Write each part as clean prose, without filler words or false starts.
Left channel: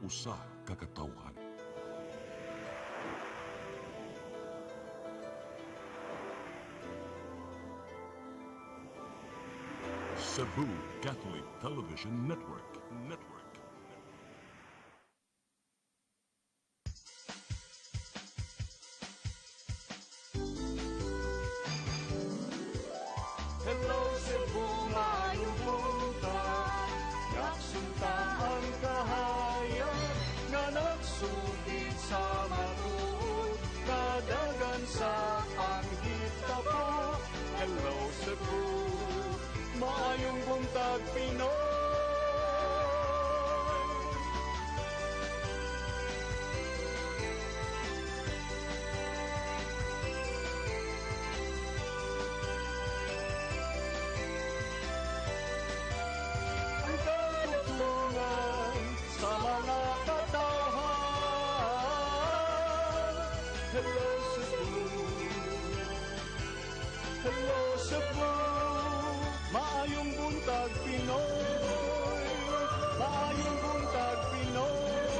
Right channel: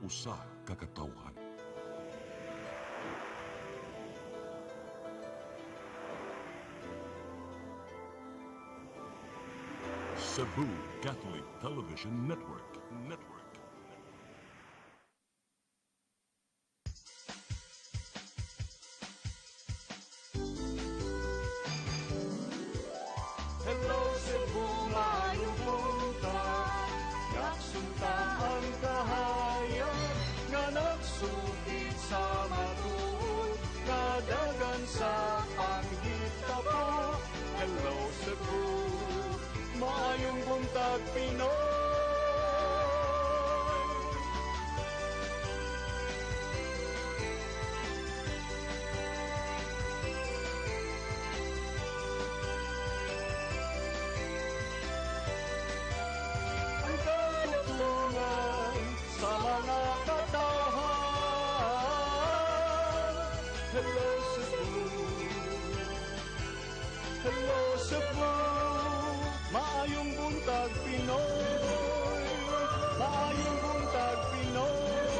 usa ka katawhan. Cebu Catholic Television Network. Hello Cebu, maayong buntag. Nagsunta ang kahayag nga nagsugid sa matuod, kadagan sa panghita po. Hello Cebu, maayong buntag Pinoy. Ang katutungan sa mga katahan. Hello Cebu, hello Cebu, maayong buntag Pinoy, maayong buntag Pinoy,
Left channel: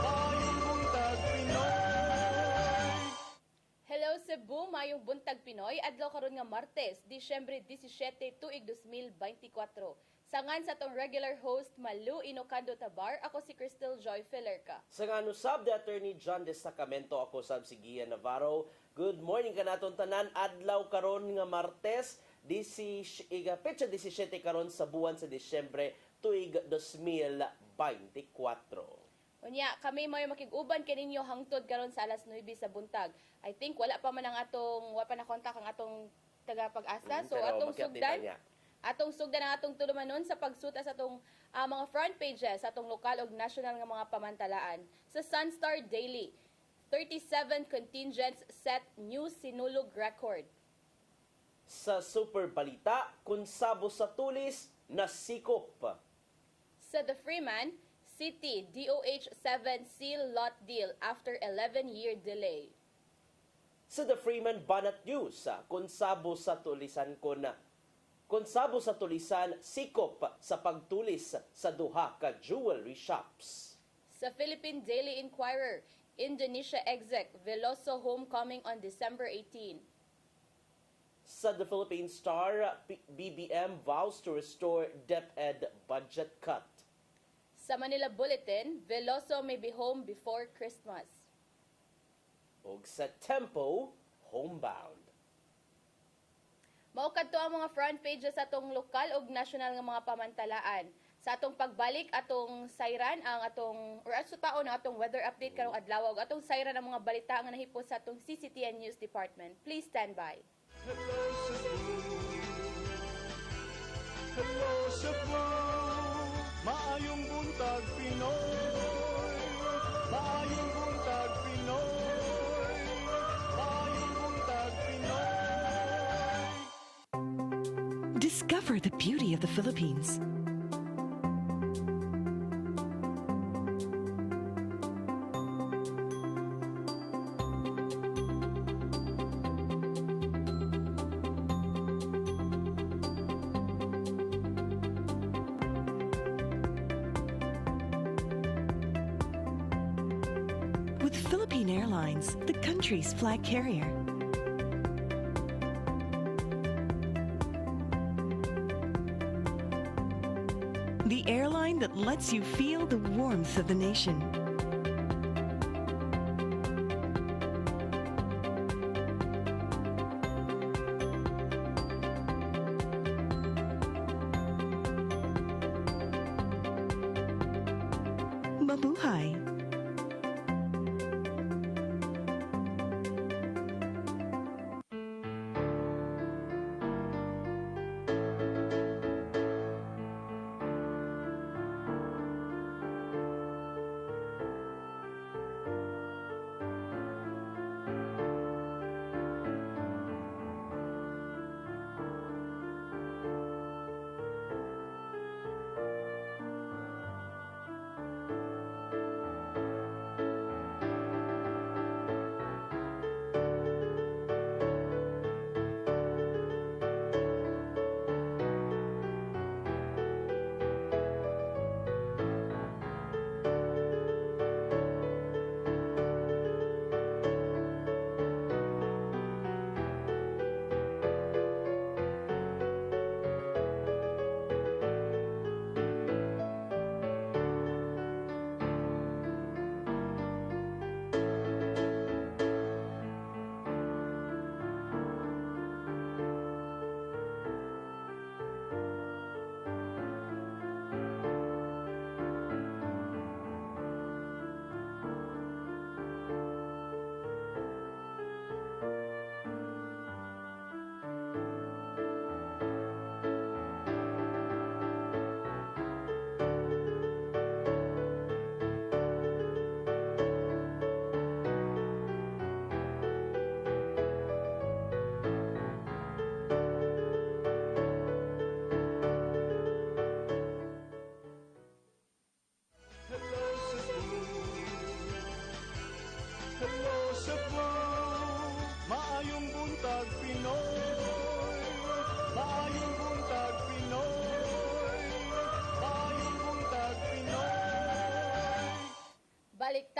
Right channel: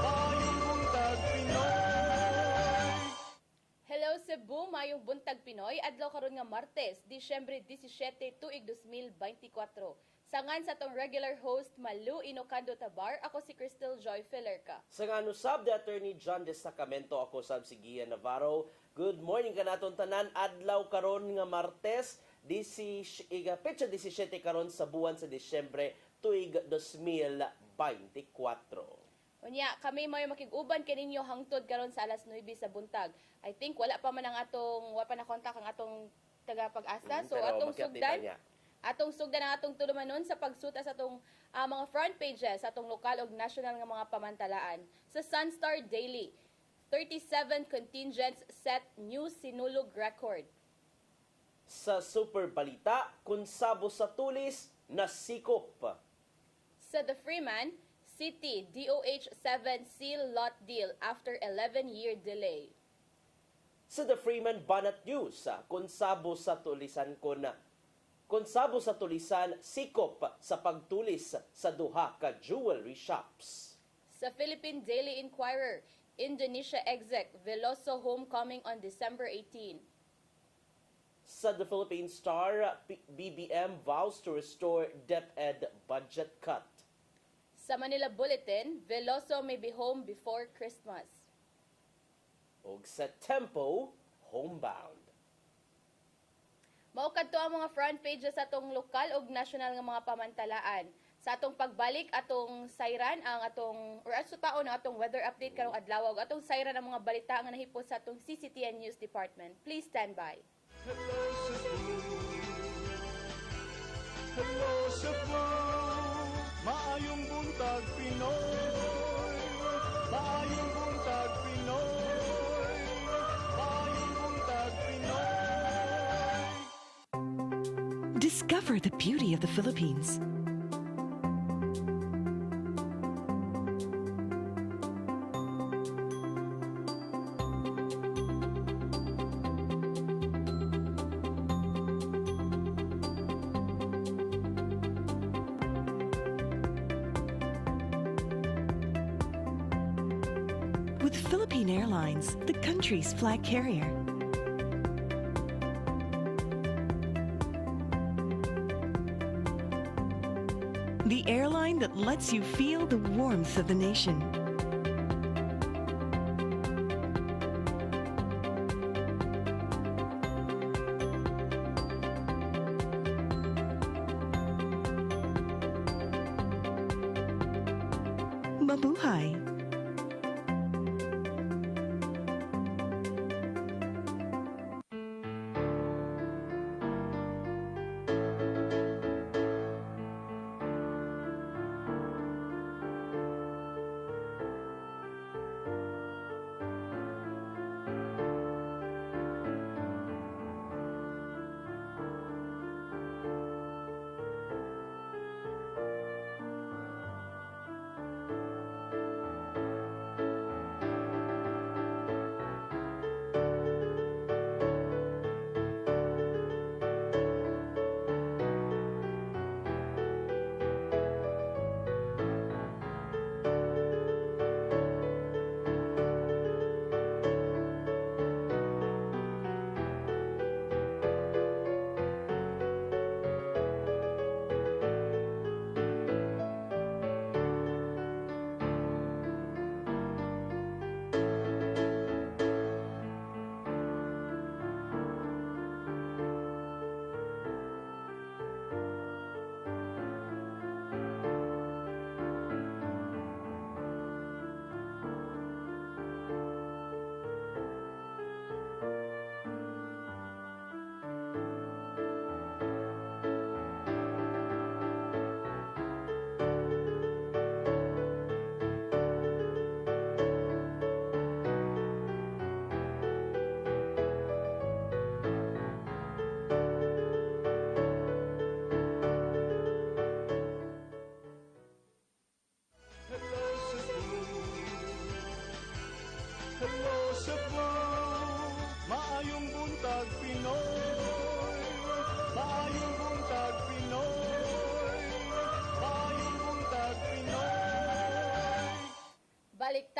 maayong buntag Pinoy. Hello Cebu, mayong buntag Pinoy, adlaw karon nga Martes, Disyembre 17, tuig 2024. Sangan sa tong regular host Malu Inocando Tabar, ako si Crystal Joy Felerca. Sa nga sab the Attorney John de Sacramento, ako sab si Gian Navarro. Good morning kanaton tanan, adlaw karon nga Martes, petsa 17 karon sa buwan sa Disyembre tuig 2024. Unya, kami may makig-uban kaninyo hangtod karon sa alas 9 sa buntag. I think wala pa man ang wala pa na kontak ang atong taga-pag-asa. So pero atong makiupdate sugdan, niya. atong sugdan ang atong tulumanon sa pagsuta sa atong mga front pages sa atong lokal ug national nga mga pamantalaan. Sa Sunstar Daily, 37 contingents set new sinulog record. Sa Super Balita, kung sabo sa tulis, nasikop. Sa The Freeman, City DOH 7 seal lot deal after 11-year delay. Sa The Freeman Banat News, kung sabo sa tulisan sikop sa pagtulis sa duha ka jewelry shops. Sa Philippine Daily Inquirer, Indonesia exec Veloso homecoming on December 18. Sa The Philippine Star, BBM vows to restore DepEd budget cut. Sa Manila Bulletin, Veloso may be home before Christmas. Ug sa Tempo, homebound. Maukad to ang mga front pages sa atong lokal ug national nga mga pamantalaan. Sa atong pagbalik atong sayran ang atong taon ang atong weather update karong adlaw ug atong sayran ang mga balita nga nahipos sa atong CCTN News Department. Please stand by. Hello Cebu, hello Cebu, maayong buntag Pinoy, maayong buntag Pinoy, maayong buntag Pinoy. Discover the beauty of the Philippines. With Philippine Airlines, the country's flag carrier. The airline that lets you feel the warmth of the nation. Mabuhay!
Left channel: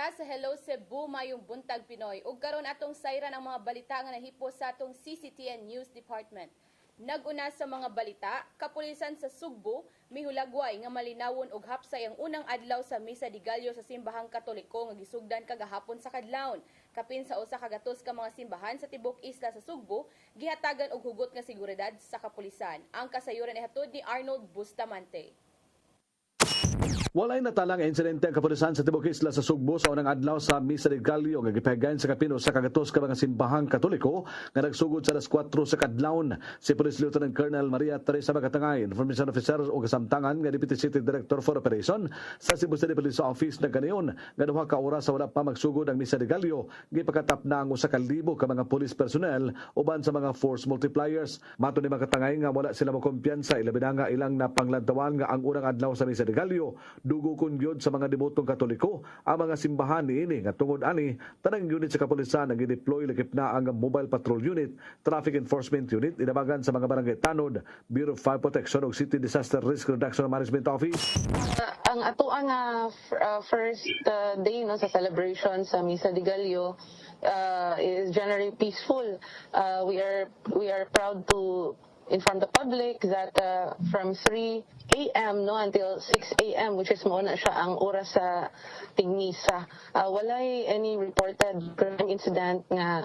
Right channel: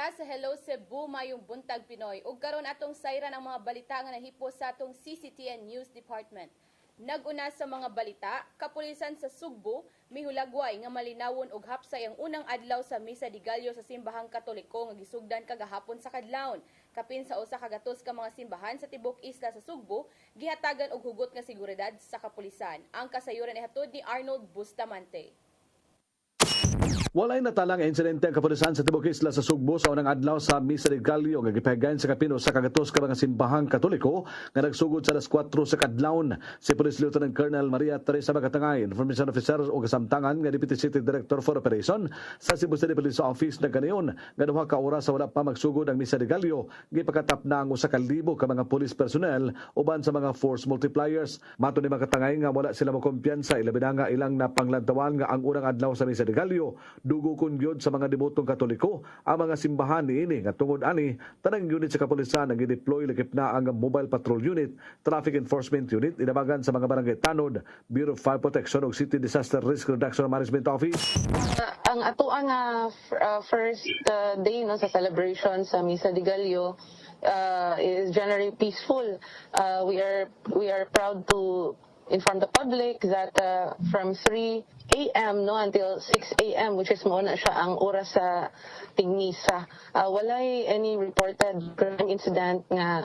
ka sa Hello Cebu mayong buntag Pinoy. Ug karon atong sayran ang mga balita nga nahipos sa atong CCTN News Department. Naguna sa mga balita, kapulisan sa Sugbo mihulagway nga malinawon og hapsay ang unang adlaw sa Misa de Gallo sa simbahang Katoliko nga gisugdan kagahapon sa kadlawon. Kapin sa usa ka gatos ka mga simbahan sa tibok isla sa Sugbo, gihatagan og hugot nga seguridad sa kapulisan. Ang kasayuran ihatod ni Arnold Bustamante. Walay natalang insidente ang kapulisan sa Tibok Isla sa Sugbo sa unang adlaw sa Misa de Gallo nga gipahigayon sa kapino sa kagatos ka mga simbahang Katoliko nga nagsugod sa alas 4 sa kadlawon. Si Police Lieutenant Colonel Maria Teresa Magatangay, Information Officer o kasamtangan nga Deputy City Director for Operation sa Cebu City Police Office na kaniyon nga duha ka oras sa wala pa magsugod ang Misa de Gallo, gipakatap na ang 1,000 ka mga police personnel uban sa mga force multipliers. Mato ni Magatangay nga wala sila makumpiyansa ilabi na nga ilang napanglantawan nga ang unang adlaw sa Misa de Gallo dugo kun gyud sa mga demotong Katoliko ang mga simbahan niini nga tungod ani tanang unit sa kapulisan ang gideploy lakip na ang Mobile Patrol Unit, Traffic Enforcement Unit inabagan sa mga barangay tanod, Bureau of Fire Protection ug City Disaster Risk Reduction Management Office. Ang ato nga first day no sa celebration sa Misa de Gallo is generally peaceful. We are proud to inform the public that from 3 a.m. no until 6 a.m. which is muna siya ang oras sa tingmisa. Walay any reported crime incident nga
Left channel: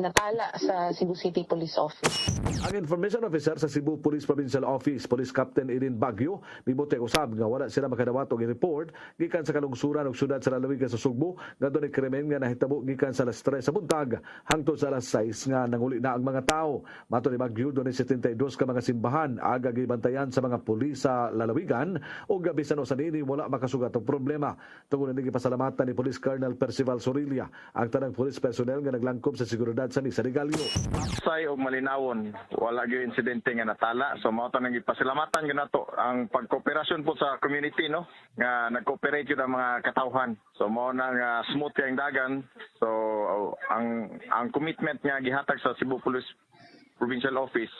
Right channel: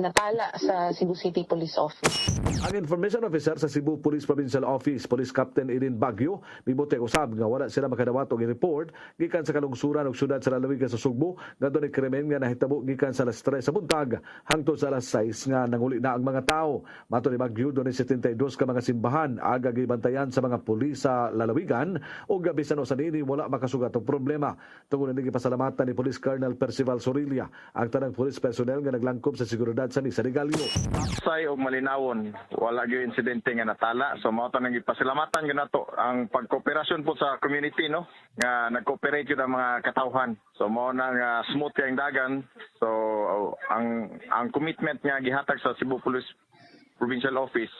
natala sa Cebu City Police Office. Ang Information Officer sa Cebu Police Provincial Office, Police Captain Erin Baguio, mibuti usab nga wala sila makadawat og i-report gikan sa kalungsuran og syudad sa lalawigan sa Sugbo nga dunay krimen nga nahitabo gikan sa alas 3 sa buntag hangtod sa alas 6 nga nanguli na ang mga tao. Mato ni Baguio dunay 72 ka mga simbahan aga gibantayan sa mga pulis sa lalawigan o gabisan o sa nini wala makasugat og problema. Tungod ni gipasalamatan ni Police Colonel Percival Sorilia ang tanang police personnel nga naglangkob sa seguridad sa Misa de Gallo. Say og malinawon, wala gyud insidente nga natala. So mao ta nang gipasalamatan gyud nato ang pagkooperasyon po sa community no nga nag-cooperate gyud ang mga katawhan. So mao nang smooth kay ang dagan. So ang commitment nga gihatag sa Cebu Police Provincial Office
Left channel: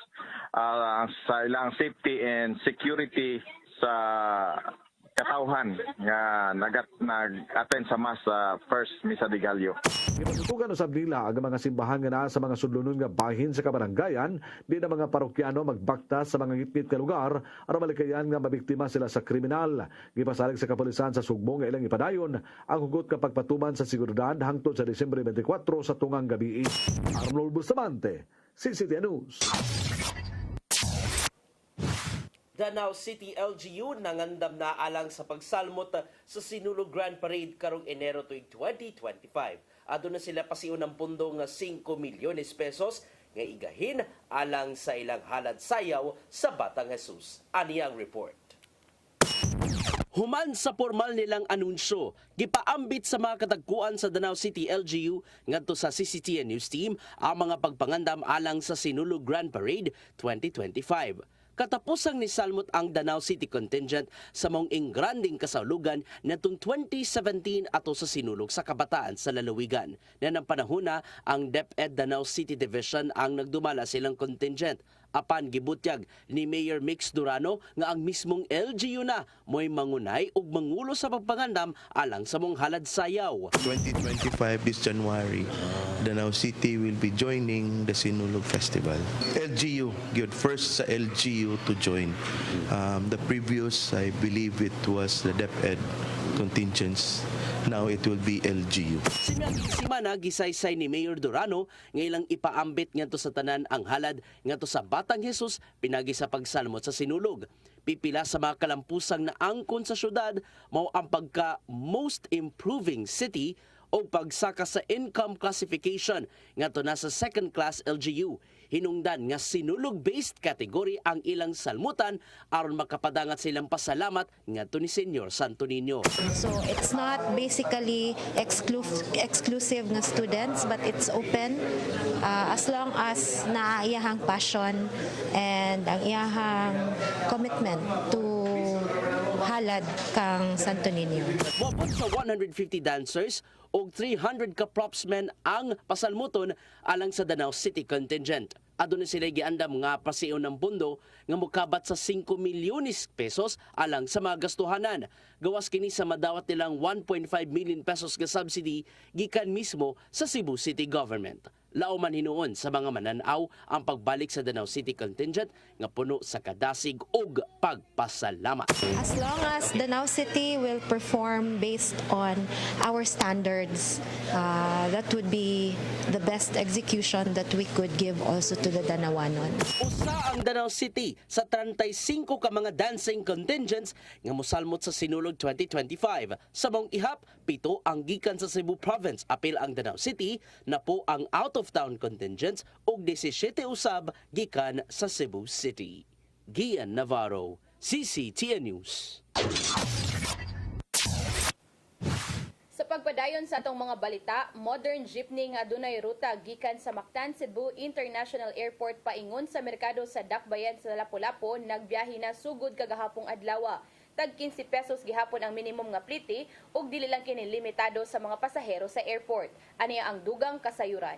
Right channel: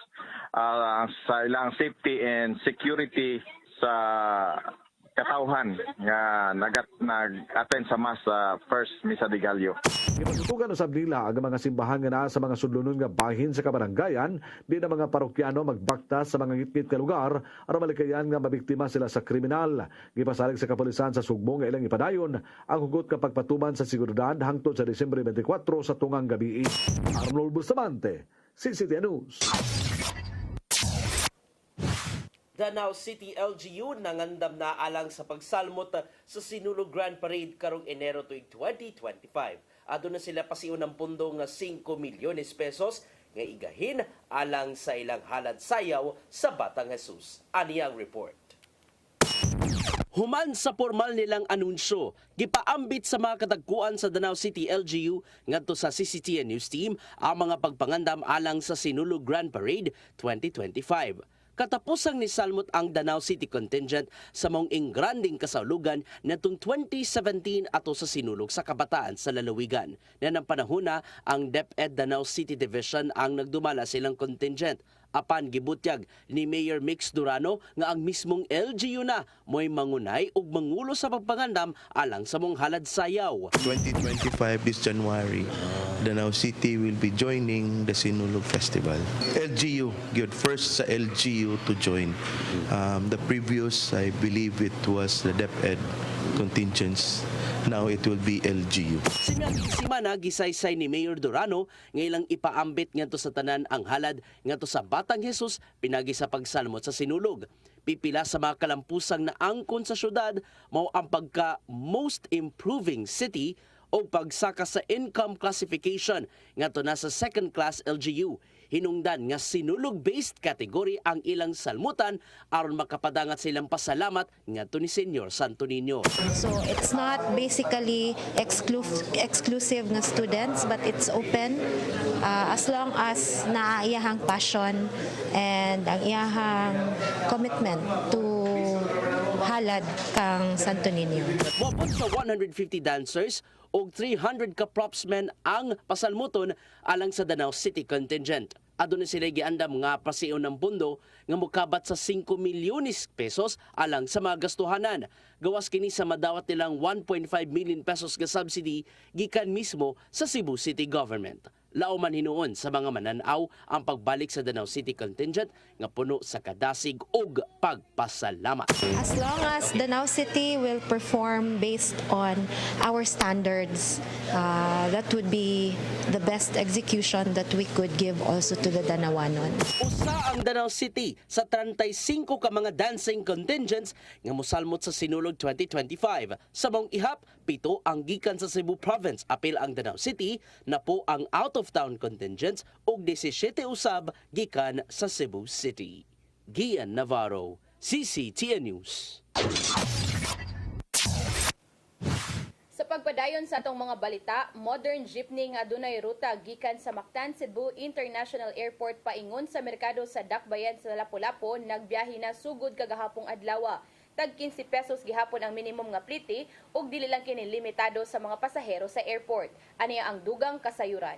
sa ilang safety and security sa katawhan nga nag-attend sa mass sa first Misa de Gallo. Gipatutugan usab nila ang mga simbahan nga naa sa mga sudlunon nga bahin sa kabaranggayan di na mga parokyano magbaktas sa mga ngitngit nga lugar aron malikayan nga mabiktima sila sa kriminal. Gipasalig sa kapulisan sa Sugbo nga ilang ipadayon ang hugot nga pagpatuman sa seguridad hangtod sa Disyembre 24 sa tungang gabi. Arnold Bustamante, CCTN News. Danao City LGU nangandam na alang sa pagsalmot sa Sinulog Grand Parade karong Enero tuig 2025. Adto na sila pasiun ng pundo nga 5 milyones pesos nga igahin alang sa ilang halad sayaw sa Batang Jesus. Ani ang report. Human sa formal nilang anunsyo, gipaambit sa mga katagpuan sa Danao City LGU ngadto sa CCTN News Team ang mga pagpangandam alang sa Sinulog Grand Parade 2025. Katapusang ni salmot ang Danao City contingent sa mong ingranding kasaulugan natong 2017 ato sa sinulog sa kabataan sa lalawigan. Na ng panahona ang DepEd Danao City Division ang nagdumala silang contingent. Apan gibutyag ni Mayor Mix Durano nga ang mismong LGU na mo'y mangunay ug mangulo sa pagpangandam alang sa mong halad sayaw. 2025 this January, Danao City will be joining the Sinulog Festival. LGU, good first sa LGU to join. The previous, I believe it was the DepEd contingents. Now it will be LGU. Simana gisaysay ni Mayor Durano nga ilang ipaambit ngadto sa tanan ang halad ngadto sa Batang Jesus pinagi sa pagsalmot sa sinulog. Pipila sa mga kalampusang naangkon sa syudad mao ang pagka most improving city o pagsaka sa income classification ngadto na sa second class LGU. Hinungdan nga sinulog-based category ang ilang salmutan aron makapadangat silang pasalamat ngadto ni Senyor Santo Niño. So it's not basically exclusive nga students but it's open as long as na iyahang passion and ang iyahang commitment to halad kang Santo Niño. Mabot sa 150 dancers o 300 ka propsmen ang pasalmuton alang sa Danao City contingent. Aduna sila giandam nga pasiun ng pundo nga mokabat sa 5 milyones pesos alang sa mga gastuhanan. Gawas kini sa madawat nilang 1.5 million pesos nga subsidy gikan mismo sa Cebu City Government. Lauman hinuon sa mga mananaw ang pagbalik sa Danau City contingent nga puno sa kadasig ug pagpasalamat. As long as Danau City will perform based on our standards, that would be the best execution that we could give also to the Danawanon. Usa ang Danau City sa 35 ka mga dancing contingents nga mosalmot sa Sinulog 2025. Sa mong ihap, 7 ang gikan sa Cebu Province. Apil ang Danau City na po ang out-of-town contingents ug 17 usab gikan sa Cebu City. Gian Navarro, CCTN News. Sa pagpadayon sa atong mga balita, modern jeepney nga adunay ruta gikan sa Mactan Cebu International Airport paingon sa merkado sa Dakbayan sa Lapu-Lapu nagbiyahe na sugod kagahapong adlaw. Tag 15 pesos gihapon ang minimum nga pliti ug dili lang kini limitado sa mga pasahero sa airport. Aniya ang dugang kasayuran.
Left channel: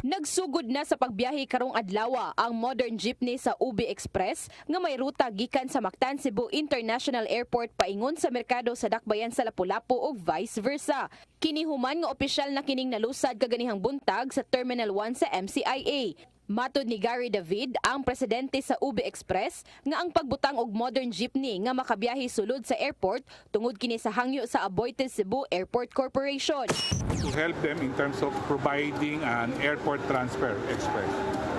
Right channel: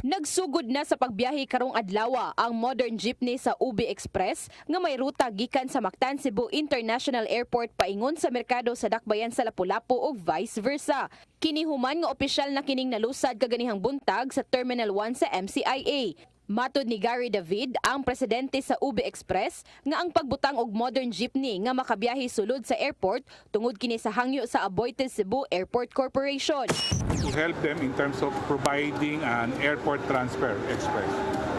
Nagsugod na sa pagbiyahe karong adlaw ang modern jeepney sa UB Express nga may ruta gikan sa Mactan Cebu International Airport paingon sa merkado sa Dakbayan sa Lapu-Lapu ug vice versa. Kinihuman nga opisyal na kining nalusad kaganihang buntag sa Terminal 1 sa MCIA. Matod ni Gary David, ang presidente sa UB Express, nga ang pagbutang og modern jeepney nga makabiyahe sulod sa airport tungod kini sa hangyo sa Aboitiz Cebu Airport Corporation. To help them in terms of providing an airport transfer express.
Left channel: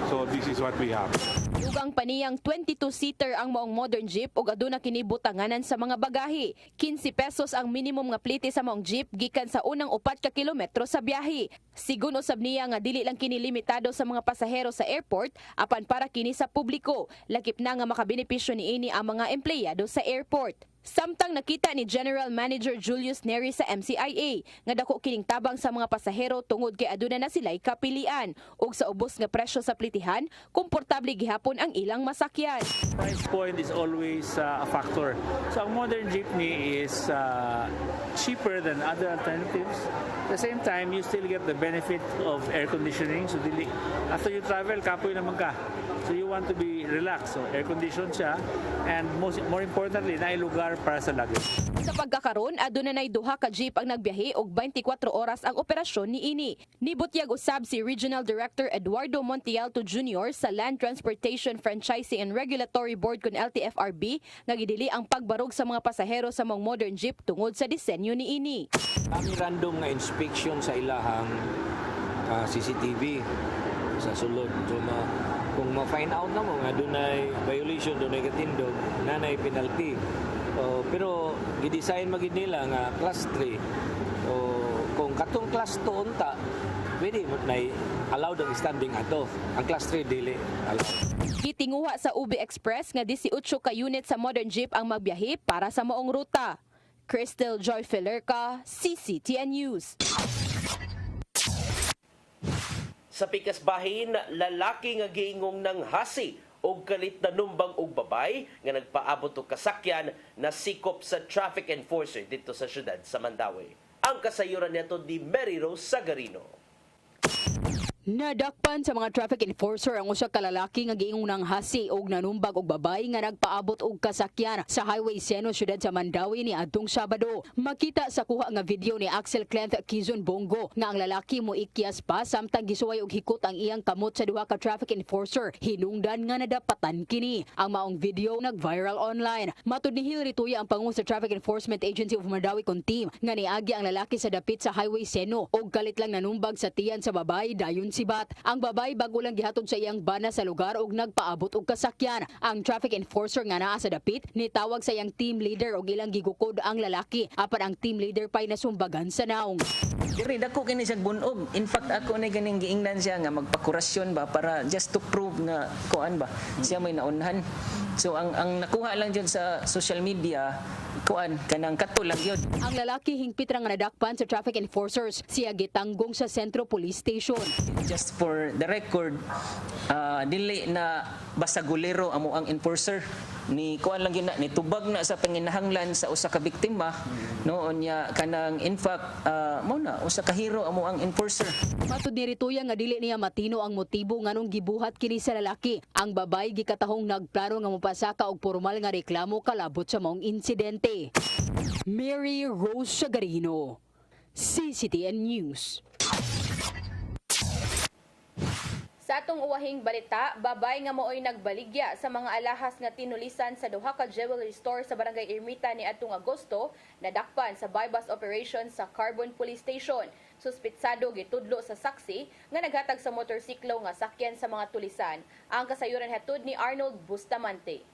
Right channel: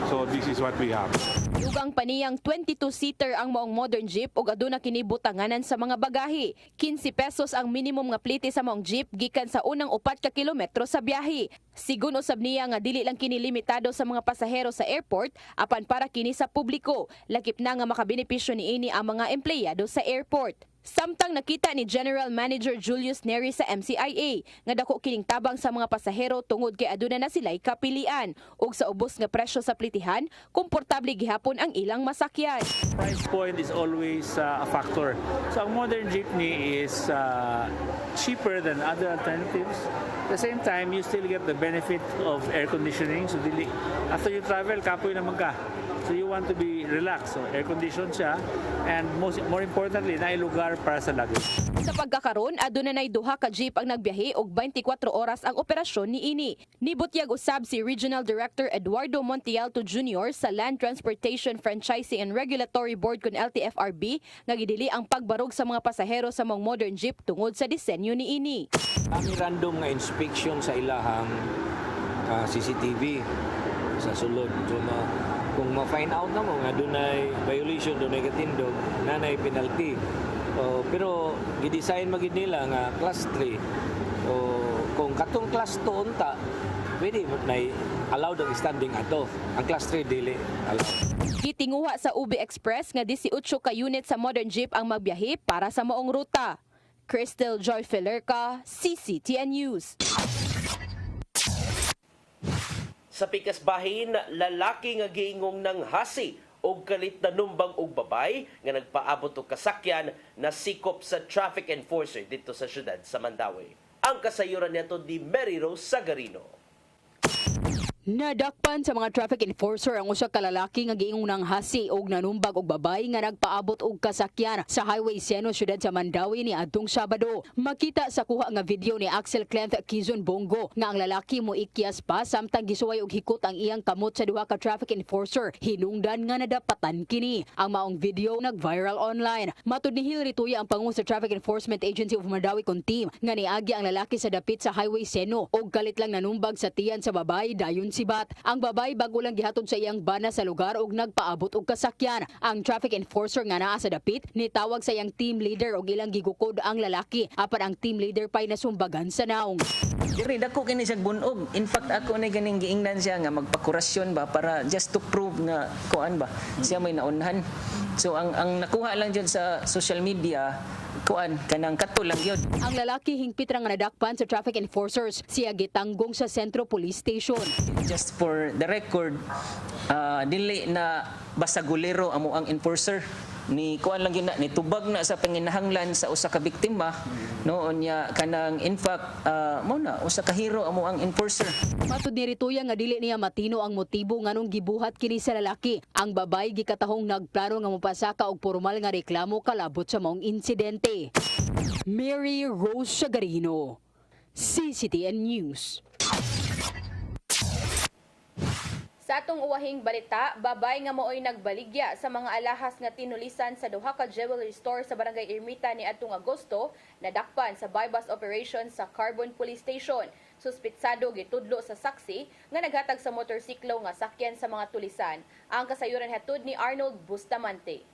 So this is what we have. Dugang paniyang 22-seater ang maong modern jeep ug aduna kini butanganan sa mga bagahe. 15 pesos ang minimum nga plite sa maong jeep gikan sa unang 4 ka kilometro sa biyahe. Sigun usab niya nga dili lang kini limitado sa mga pasahero sa airport apan para kini sa publiko. Lakip na nga makabenepisyo niini ang mga empleyado sa airport. Samtang nakita ni General Manager Julius Neri sa MCIA nga dako kining tabang sa mga pasahero tungod kay aduna na sila'y kapilian ug sa ubos nga presyo sa plitihan, komportable gihapon ang ilang masakyan. Price point is always a factor. So ang modern jeepney is cheaper than other alternatives. At the same time, you still get the benefit of air conditioning. So after you travel, kapoy naman ka. So you want to be relaxed. So air conditioned siya and more importantly, nailugar para sa luggage. Sa pagkakaroon, aduna nay duha ka jeep ang nagbiyahe og 24 oras ang operasyon niini. Nibutyag usab si Regional Director Eduardo Montialto Jr. sa Land Transportation Franchising and Regulatory Board kun LTFRB nga gidili ang pagbarog sa mga pasahero sa mga modern jeep tungod sa disenyo niini. Ang random nga inspection sa ilahang CCTV sa sulod. So, kung ma-find out na mo nga dunay violation, dunay katindog, nanay penalty. Pero gidesign magid nila nga class 3. Kung katong class 2 unta, pwede mo na allowed ang standing ato. Ang class 3 dili allowed. Gitinguha sa UB Express nga 18 ka unit sa modern jeep ang magbiyahe para sa maong ruta. Crystal Joy Felerca, CCTN News. Sa pikas bahin, lalaki nga giingong ng hasi og kalit na numbang og babay nga nagpaabot og kasakyan na sikop sa traffic enforcer dito sa syudad sa Mandawi. Ang kasayuran niya to di Mary Rose Sagarino. Nadakpan sa mga traffic enforcer ang usa ka lalaki nga giingong ng hasi og nanumbag og babay nga nagpaabot og kasakyan sa Highway Seno syudad sa Mandawi ni adtong Sabado. Makita sa kuha nga video ni Axel Clent Quizon Bongo nga ang lalaki mo ikyas pa samtang gisuway og hikot ang iyang kamot sa duha ka traffic enforcer. Hinungdan nga nadapatan kini. Ang maong video nag-viral online. Matud ni Hilary Tuya ang pangu sa Traffic Enforcement Agency of Mandawi kon team nga niagi ang lalaki sa dapit sa Highway Seno og kalit lang nanumbag sa tiyan sa babay dayon sibat. Ang babay bago lang gihatod sa iyang bana sa lugar og nagpaabot og kasakyan. Ang traffic enforcer nga naa sa dapit nitawag sa iyang team leader og ilang gigukod ang lalaki apan ang team leader pay nasumbagan sa naong. Diri dako kini siya bunog. In fact ako na ganing giingnan siya nga magpakurasyon ba para just to prove nga kuan ba siya may naunhan. So ang nakuha lang dyan sa social media kuan kanang kato lang yun. Ang lalaki hingpit ra nga nadakpan sa traffic enforcers siya gitanggong sa Sentro Police Station. Just for the record, dili na basagulero amo ang enforcer ni kuan lang ni tubag na sa panginahanglan sa usa ka biktima noon niya kanang in fact mo na usa ka hero amo ang enforcer. Matud ni Rituya nga dili niya matino ang motibo nganong gibuhat kini sa lalaki. Ang babay gikatahong nagplano nga mopasaka og formal nga reklamo kalabot sa maong insidente. Mary Rose Sagarino, CCTN News. Sa atong uwahing balita, babay nga mooy nagbaligya sa mga alahas nga tinulisan sa duha ka jewelry store sa Barangay Ermita ni atong Agosto, nadakpan sa bypass operation sa Carbon Police Station. Suspitsado gitudlo sa saksi nga naghatag sa motorsiklo nga sakyan sa mga tulisan. Ang kasayuran hatod ni Arnold Bustamante.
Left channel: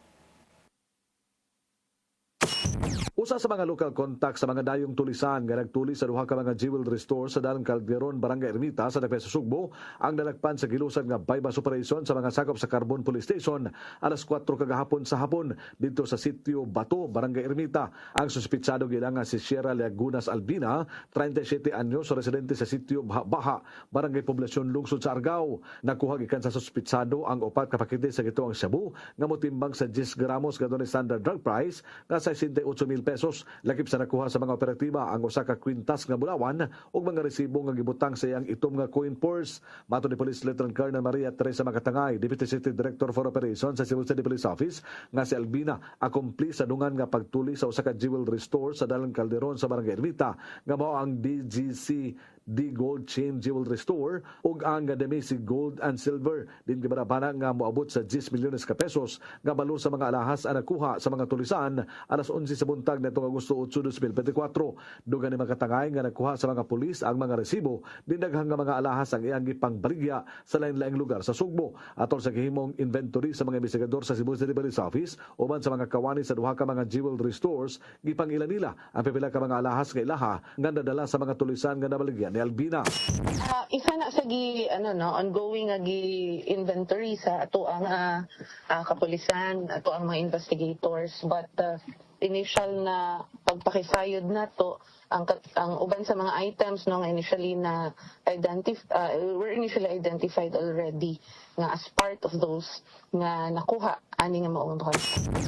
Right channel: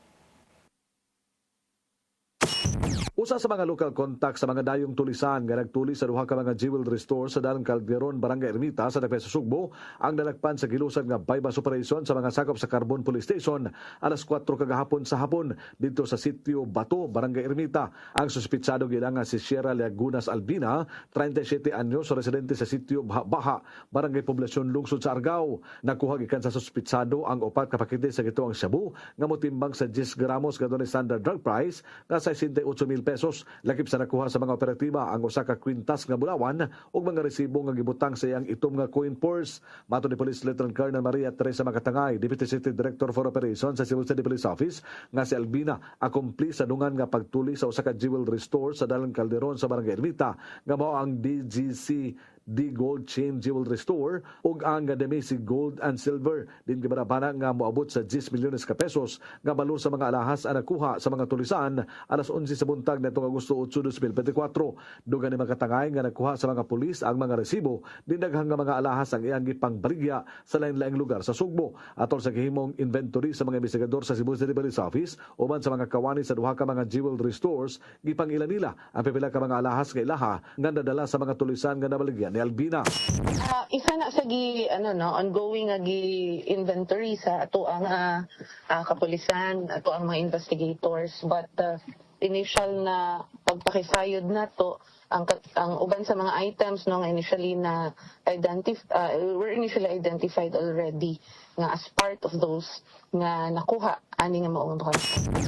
Usa sa mga local contact sa mga dayong tulisan nga nagtuli sa duha ka mga jewelry store sa Dalan Calderon, Barangay Ermita sa Dapesa Sugbo ang dalagpan sa gilusad nga bypass operation sa mga sakop sa Carbon Police Station alas 4 kagahapon sa hapon dito sa sitio Bato, Barangay Ermita. Ang suspitsado gila nga si Sierra Lagunas Albina, 37 anyos, residente sa sitio Baha, Barangay Poblasyon, Lungsod sa Argao. Nakuha gikan sa suspitsado ang upat ka pakete sa gituang shabu nga motimbang sa 10 gramos nga dunay standard drug price nga 68,000 pesos. Lakip sa nakuha sa mga operatiba ang usa ka kwintas nga bulawan ug mga resibo nga gibutang sa iyang itom nga coin purse. Mato ni Police Lieutenant Colonel Maria Teresa Makatangay, Deputy City Director for Operations sa Cebu City Police Office, nga si Albina akumpli sa dungan nga pagtuli sa usa ka jewelry store sa Dalan Calderon sa Barangay Ermita nga mao ang DGC Gold Chain Jewelry Store ug ang Demesi Gold and Silver din gibarabana nga moabot sa 10 milyones ka pesos nga balo sa mga alahas ang nakuha sa mga tulisan alas 11 sa buntag nitong Agosto 8, 2024. Dugan ni Makatangay nga nakuha sa mga pulis ang mga resibo din daghang nga mga alahas ang iyang gipangbaligya sa lain-laing lugar sa Sugbo. Atol sa gihimong inventory sa mga investigador sa Cebu City Police Office uban sa mga kawani sa duha ka mga jewelry stores, gipangila nila ang pipila ka mga alahas nga ilaha nga nadala sa mga tulisan nga nabaligya ni Albina. Isa na sa ongoing nga inventory sa ato ang kapulisan, ato ang mga investigators, but initial na pagpakisayod na to ang uban sa mga items nga initially na were initially identified already nga as part of those nga nakuha ani nga maong duha.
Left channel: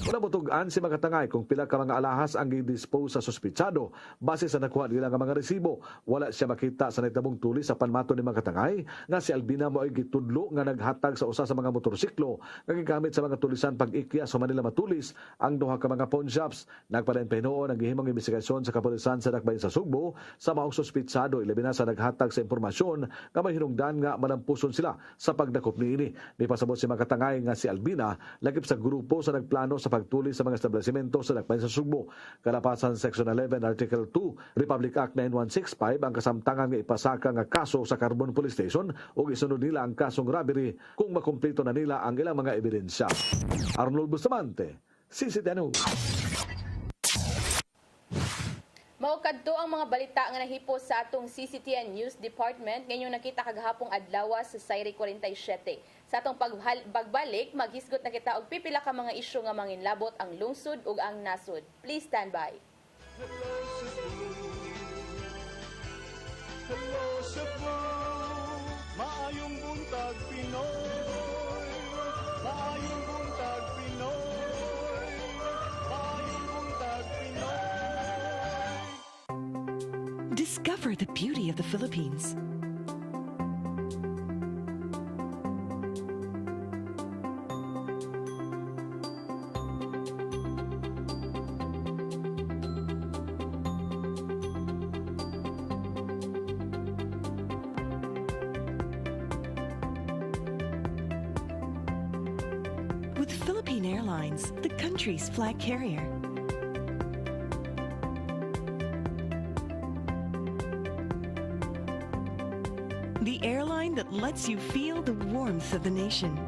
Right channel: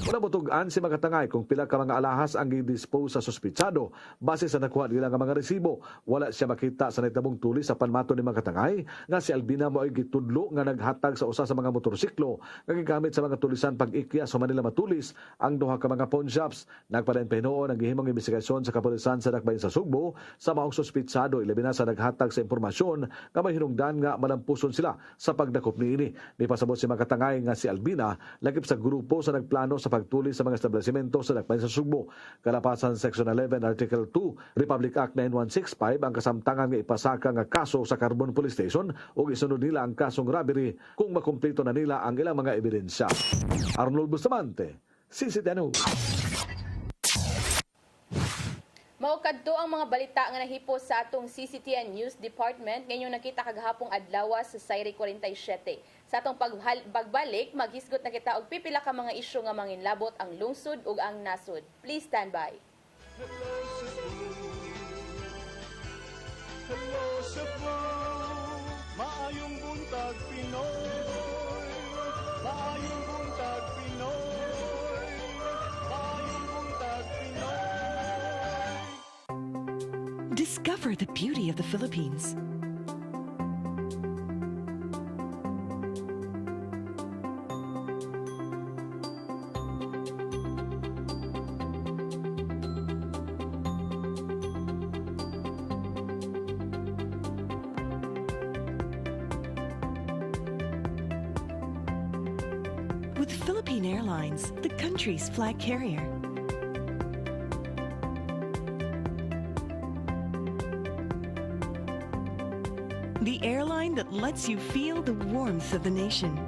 Wala butugan si Makatangay kung pila ka mga alahas ang gi-dispose sa suspitsado base sa nakuha nila nga mga resibo. Wala siya makita sa nagtabong tuli sa panmato ni Makatangay nga si Albina mo ay gitudlo nga naghatag sa usa sa mga motorsiklo nga gigamit sa mga tulisan pag-ikya sa Manila Matulis ang duha ka mga pawn shops. Nagpadayon pa hinuon ang gihimong investigasyon sa kapulisan sa Dakbayan sa Sugbo sa maong suspitsado ilabi na sa naghatag sa impormasyon nga may hinungdan nga malampuson sila sa pagdakop niini. May pasabot si Makatangay nga si Albina lakip sa grupo sa nagplano sa pagtuli sa mga establishmento sa Dakbayan sa Sugbo. Kalapasan Section 11 Article 2 Republic Act 9165 ang kasamtangan nga ipasaka nga kaso sa Carbon Police Station o isunod nila ang kasong robbery kung makumpleto na nila ang ilang mga ebidensya. Arnold Bustamante, CCTN News. Maukadto ang mga balita nga nahipos sa atong CCTN News Department ngayong nakita kagahapong adlaw sa Sayri 47. Sa atong pagbalik, maghisgot na kita og pipila ka mga isyu nga manginlabot ang lungsod ug ang nasod. Please stand by. Hello Cebu, maayong buntag Pinoy, maayong buntag Pinoy, maayong buntag Pinoy. Discover the beauty of the Philippines. With Philippine Airlines, the country's flag carrier. The airline that lets you feel the warmth of the nation.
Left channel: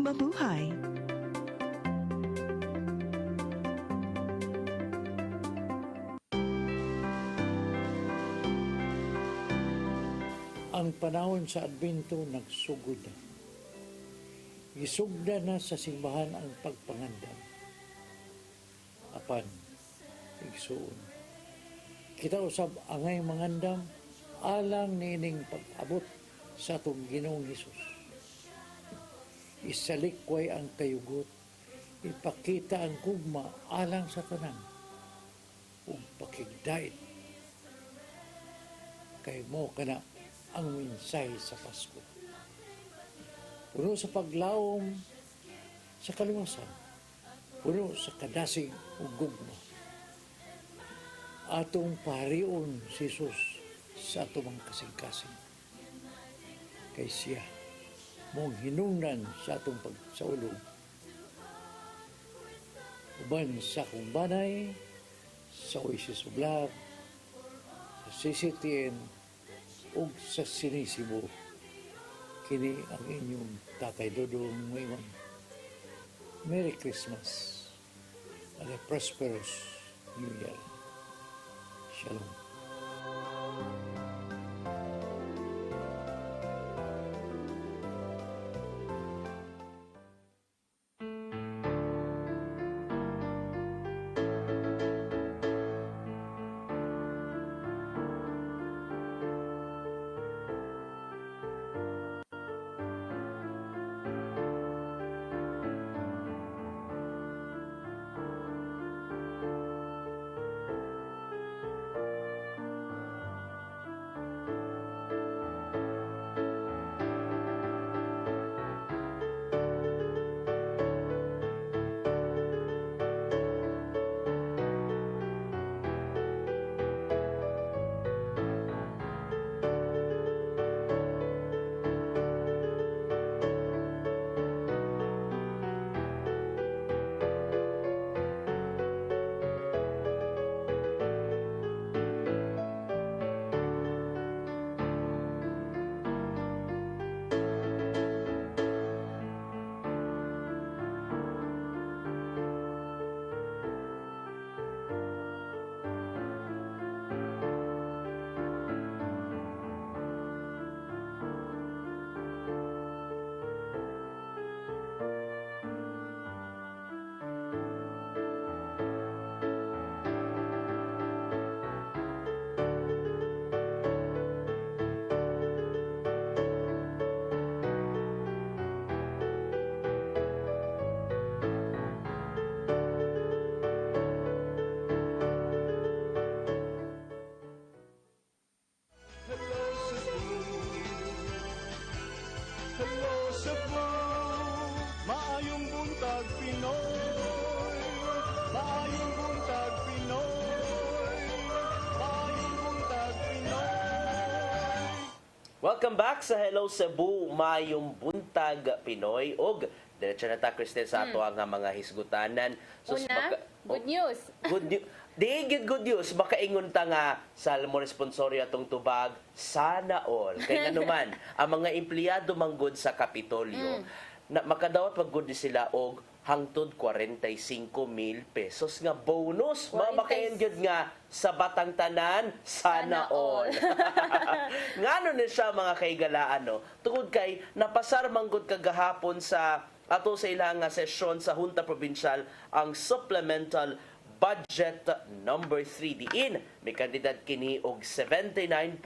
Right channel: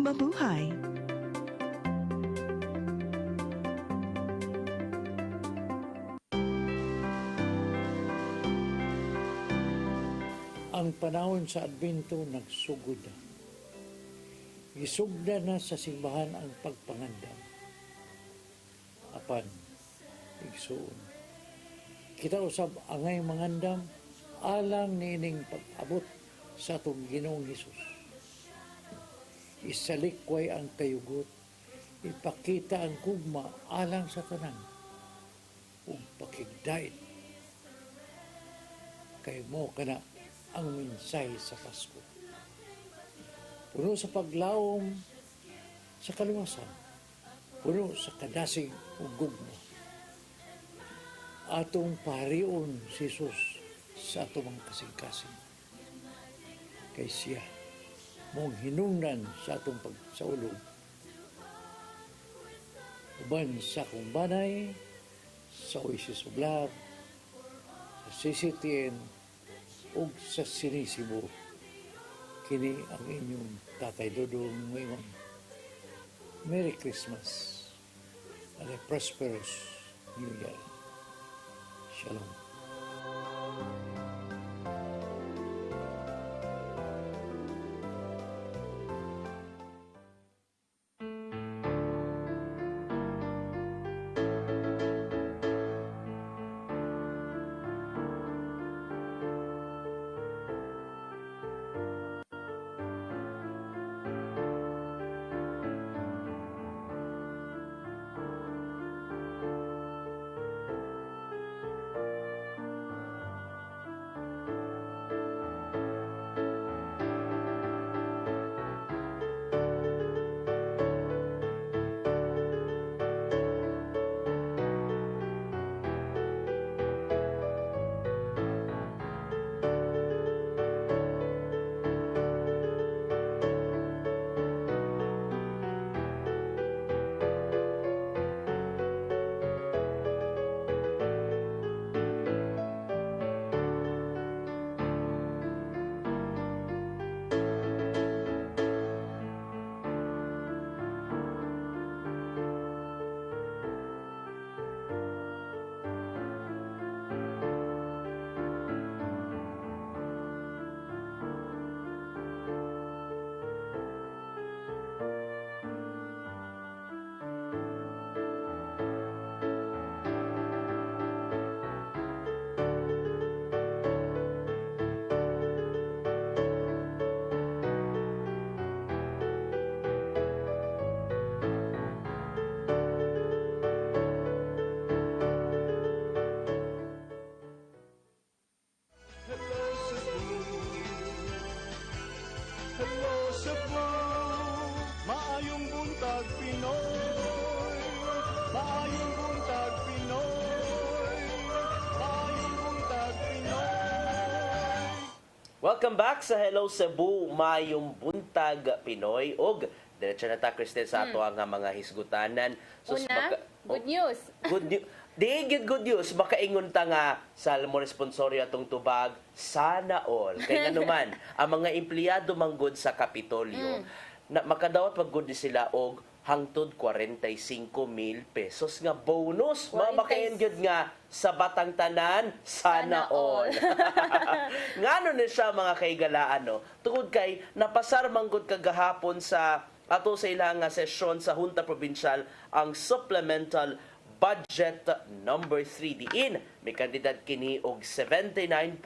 Mabuhay! Ang panahon sa Adbento nagsugod na. Gisugda na sa simbahan ang pagpangandam. Apan, igsuon. Kita usab angay mangandam, alang nining pag-abot sa atong Ginoong Hesus. Isalikway ang kayugot, ipakita ang gugma alang sa tanan, ug pakigdait. Kay mo kana ang mensahe sa Pasko. Puno sa paglawom sa kaluwasan, puno sa kadasig ug gugma. Atong parion si Jesus sa atong mga kasing-kasing. Kay siya mong hinungnan sa atong pagsaulog. Uban sa akong banay, sa Oasis of Love, sa CCTN, ug sa Sinisibo. Kini ang inyong Tatay Dodong ngayon. Merry Christmas and a prosperous New Year. Shalom. Welcome back sa Hello Cebu, Mayong Buntag Pinoy. Og diretso na ta, Cristel, sa ato ang mga hisgutanan. Una, good news. Good news. Di good news, makaingon ta nga sa mo responsoryo atong tubag, sana all. Kaya nga naman, ang mga empleyado manggod sa Kapitolyo, na makadawat maggod sila og hangtod 45,000 pesos nga bonus. Makain gyud nga sa batang tanan, sana all. Ngano na siya mga kaigalaan, no? Tungod kay napasar manggod kagahapon sa ato sa ilang sesyon sa Junta Provincial ang supplemental budget number 3 diin may kandidat kini og 79.6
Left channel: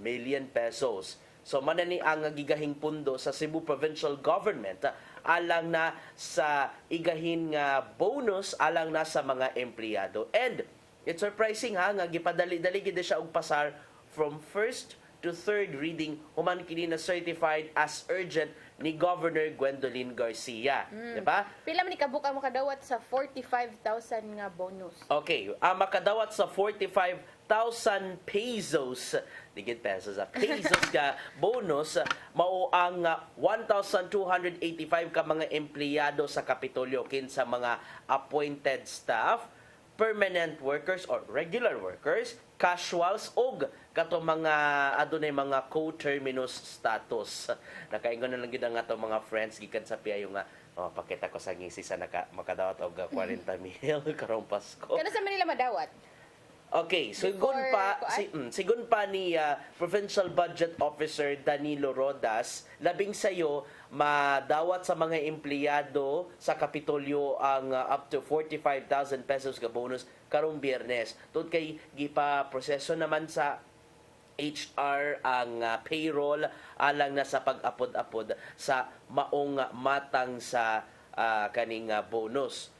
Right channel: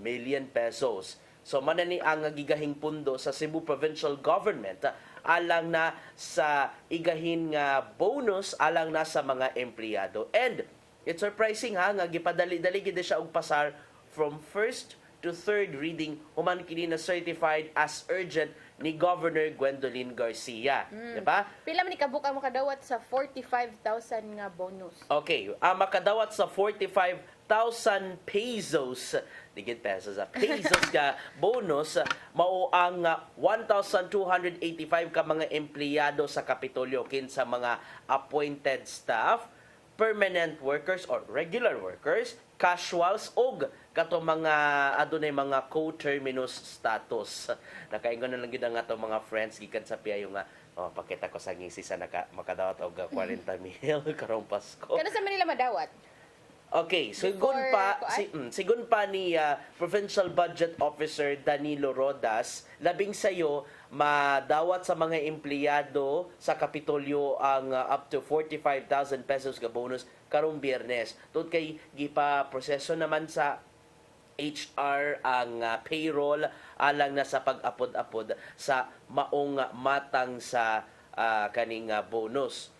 million pesos. So manani ang gigahing pundo sa Cebu Provincial Government alang na sa igahin nga bonus alang na sa mga empleyado. And it's surprising nga gipadali-dali gid siya og pasar from first to third reading human kini na certified as urgent ni Governor Gwendolyn Garcia. Diba? Pila man ni kabuk ang makadawat sa 45,000 nga bonus? Okay, ang makadawat sa 45,000 pesos, digit pesos, pesos ka bonus, mao ang 1,285 ka mga empleyado sa Kapitolyo kinsa mga appointed staff, permanent workers or regular workers, casuals og kato mga adunay mga co-terminus status. Nakaingon na lang gid ang ato mga friends gikan sa piayo nga pakita ko sa ngisi sa makadawat og 40 mil karong Pasko. Kana sa Manila madawat? Okay, sigun pa ni Provincial Budget Officer Danilo Rodas, labing sayo madawat sa mga empleyado sa Kapitolyo ang up to 45,000 pesos ka bonus karong Biyernes. Tungod kay gipa proseso naman sa HR, ang payroll, alang na sa pag-apod-apod sa maong matang sa kaning bonus.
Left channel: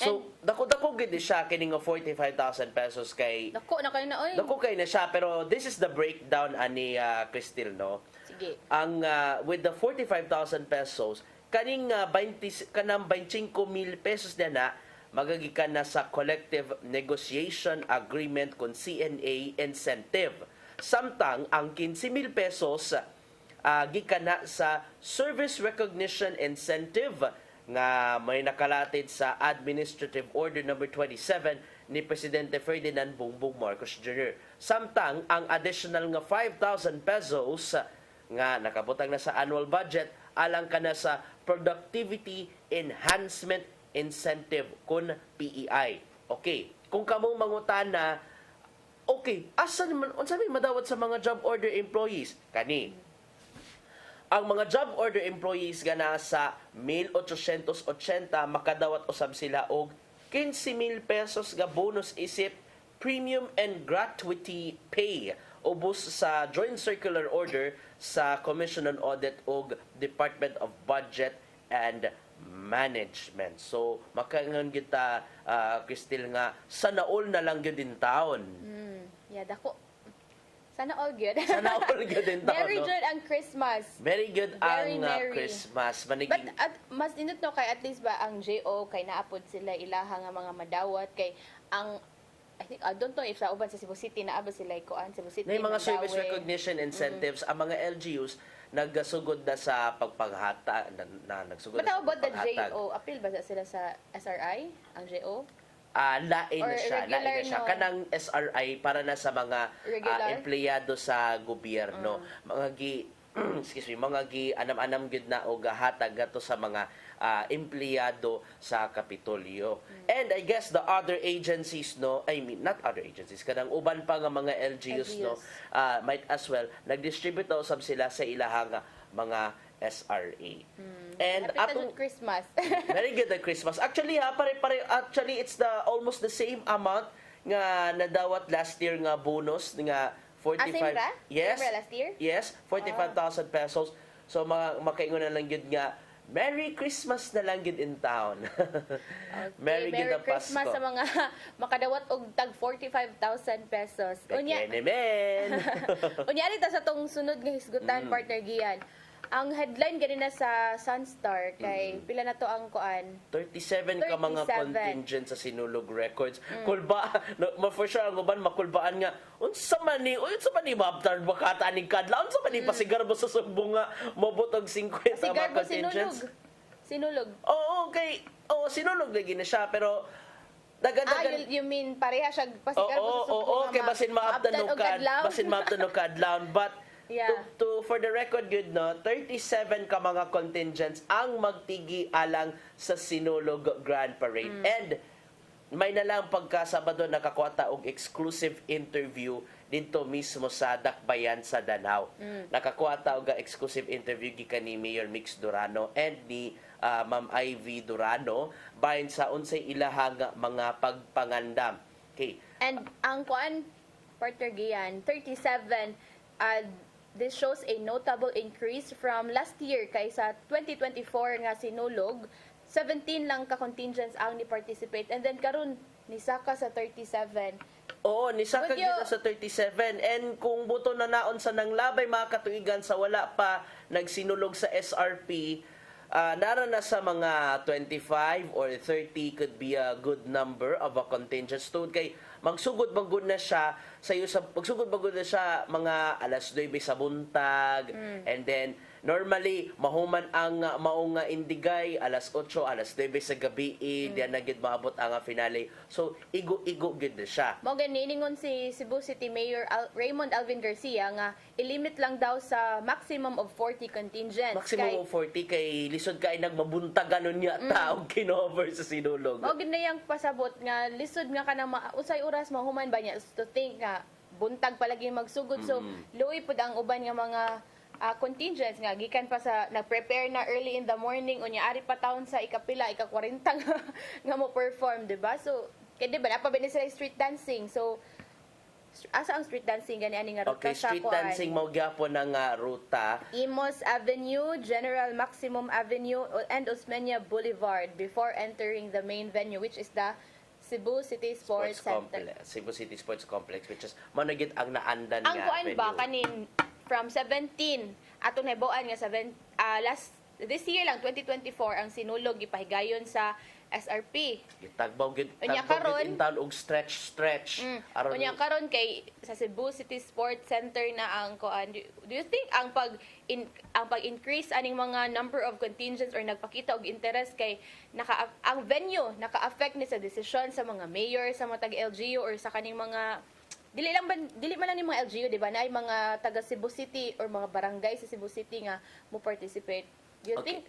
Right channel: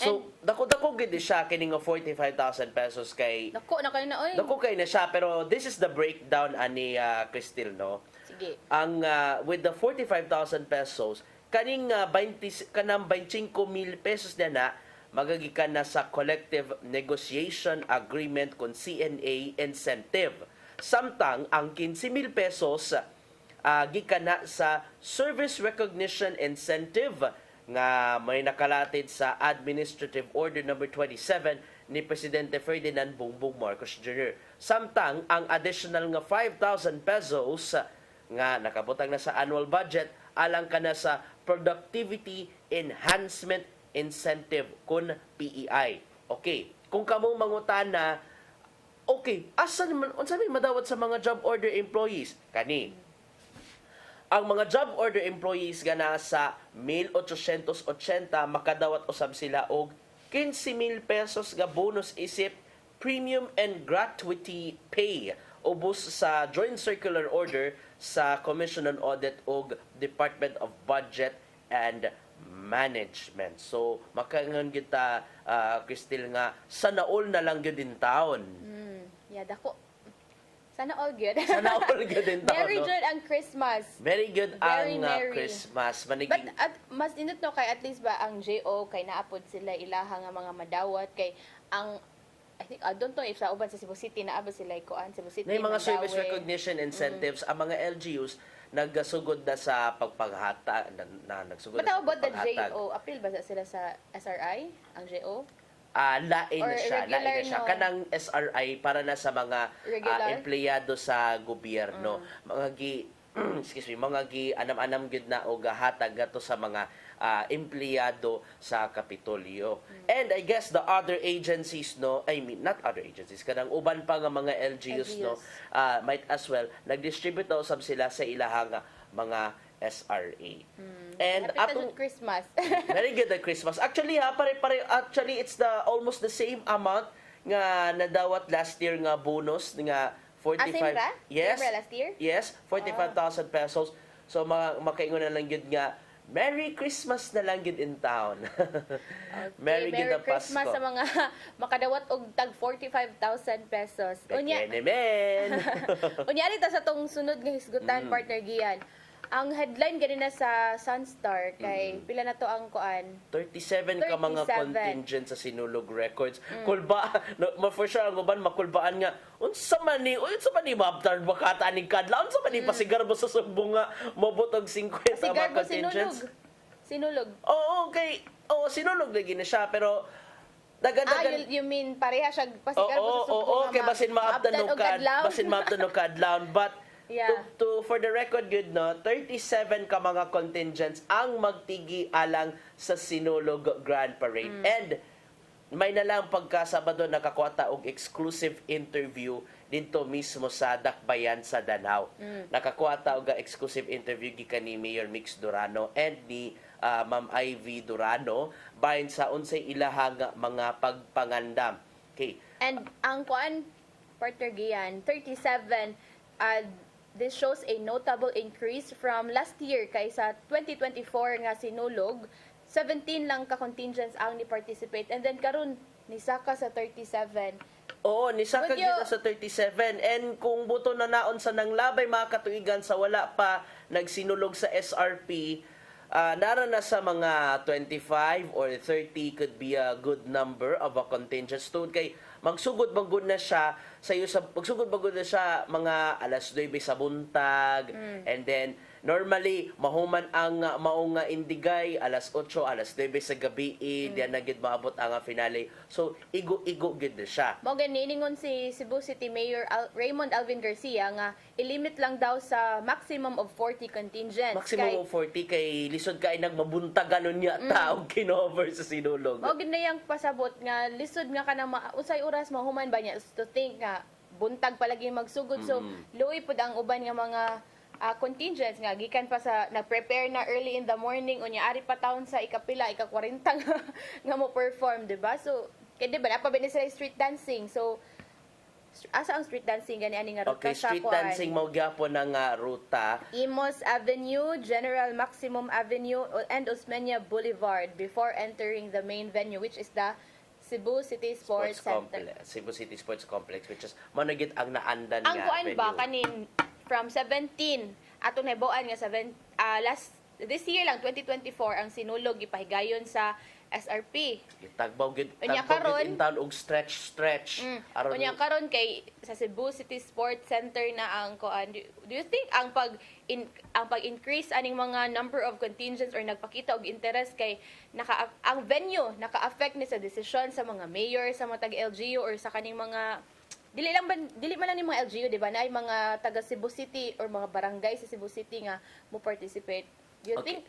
So, dako-dako gid siya kining 45,000 pesos kay Dako na kayo na, oy. dako kay na siya, pero this is the breakdown ani Cristil, no? Sige. Ang with the 45,000 pesos, kanang 25,000 pesos na magagikan na sa collective negotiation agreement kon CNA incentive. Samtang ang 15,000 pesos gikan na sa service recognition incentive nga may nakalatid sa Administrative Order number 27 ni Presidente Ferdinand Bongbong Marcos Jr. Samtang ang additional nga 5,000 pesos nga nakabutang na sa annual budget alang kana sa Productivity Enhancement Incentive kun PEI. Okay, kung kamo mangutana, okay, asa naman unsa ni madawat sa mga job order employees? Kani ang mga job order employees nga nasa 1,880 makadawat usab sila og 15,000 pesos nga bonus isip premium and gratuity pay ubos sa Joint Circular Order sa Commission on Audit ug Department of Budget and Management. So makangan kita Cristil nga sana all na lang gyud in taon. Yeah, dako. Sana all good. Sana all good in taon. Very no? good ang Christmas. Very good Very ang merry. Christmas. But Maniging mas nindot no kay at least ba ang JO kay naapod sila ilaha nga mga madawat kay ang I think I don't know if sa uban sa Cebu City naabot sila kuan Cebu City. na yung mga service Mandaue. recognition incentives, ang mga LGUs nagsugod na sa pagpanghata nagsugod But na how sa about the pagpanghatag. JO? Appeal ba sila sa SRI ang JO? Lain Or na siya, regular, lain na siya. no? Kanang SRI para na sa mga Regular? empleyado sa gobyerno. Mga excuse me, mga anam-anam gid na og hatag gato sa mga empleyado sa Kapitolyo. And I guess the other agencies, no, I mean not other agencies, kanang uban pa nga mga LGUs, no, might as well nag-distribute daw usab sila sa ilahang mga SRA. And Happy atong Christmas. very good at Christmas. Actually actually it's almost the same amount nga nadawat last year nga bonus nga 45. same ra? Yes. Same ra last year? Yes, 45,000 pesos. So makaingon na lang gyud nga Merry Christmas na lang gyud in town. Merry gyud ang Christmas Pasko. sa mga makadawat og tag 45,000 pesos. Unya, unyari ta sa tong sunod nga hisgutan partner Gian. Ang headline gani na sa Sunstar kay pila na to ang kuan? 37 ka mga 37. contingent sa Sinulog Records. Kulba, no, for sure ang uban makulbaan nga unsa man ni mabtar bakata ning kadlaw, unsa man ni pasigar mo sa sumbong nga mobotog 50 Sigar mga mo contingents. Sinulog. Oo, okay. Oo, sinulog lagi na siya pero dagan-dagan you mean pareha siya pasigar mo sa sumbong oo, kay nga basin maabtan maabtan no og adlaw? basin maabtan no kadlaw, but Yeah. to for the record good, no, 37 ka mga contingents ang magtigi alang sa Sinulog Grand Parade. And may nalang pagkasabado nakakuha og exclusive interview dito mismo sa Dakbayan sa Danau. Nakakuha og exclusive interview gikan ni Mayor Mix Durano and ni Ma'am Ivy Durano bahin sa unsay ilahang mga pagpangandam. Okay. And ang kuan partner Gian 37 this shows a notable increase from last year kay sa 2024 nga sinulog 17 lang ka contingents ang ni participate and then karon nisaka sa 37. Oo, nisaka But kita sa 37. And kung buto na naon sa nanglabay mga katuigan sa wala pa nagsinulog sa SRP, nara na sa mga 25 or 30 could be a good number of a contingent student. Kay magsugod bagod na siya magsugod bagod na siya mga alas 9 sa buntag and then normally mahuman ang maong indigay alas 8 alas 9 sa gabi diyan na gid maabot ang finale. So igo gid na siya. Mao ganingon si Cebu City Mayor Raymond Alvin Garcia nga ilimit lang daw sa maximum of 40 contingents. Maximum of 40 kay lisod kay nagmabuntag ganon niya taog kinover sa sinulog. Mao gid na yang pasabot nga lisod nga kanang usay oras mahuman ba niya to think nga buntag palagi magsugod. So luoy pud ang uban nga mga contingents nga gikan pa sa nag-prepare na early in the morning unya ari pa taon sa ikapila ika-40 nga mo perform, di ba? So kay di ba na pa sila street dancing. So asa ang street dancing gani ani nga ruta Okay, sa street kuan? dancing mao gyapon ng ruta. Imos Avenue, General Maximum Avenue, and Osmeña Boulevard before entering the main venue, which is the Cebu City Sports Center. Complex, Cebu City Sports Complex, which is managit ang naandan Ang nga kuan venue. ba kanin from 17 atong nahibuan nga this year lang 2024 ang sinulog gipahigayon sa SRP. Tagbaw gid Unya tagbaw karon- gid in town og stretch. Aron Unya karon kay sa Cebu City Sports Center na ang kuan. Do you think ang pag-increase aning mga number of contingents or nagpakita og interest kay ang venue naka-affect ni sa desisyon sa mga mayor, sa mga taga-LGU or sa kaning mga dili man lang ni mga LGU, di ba, na ay mga taga Cebu City or mga barangay sa Cebu City nga mo participate. Do you think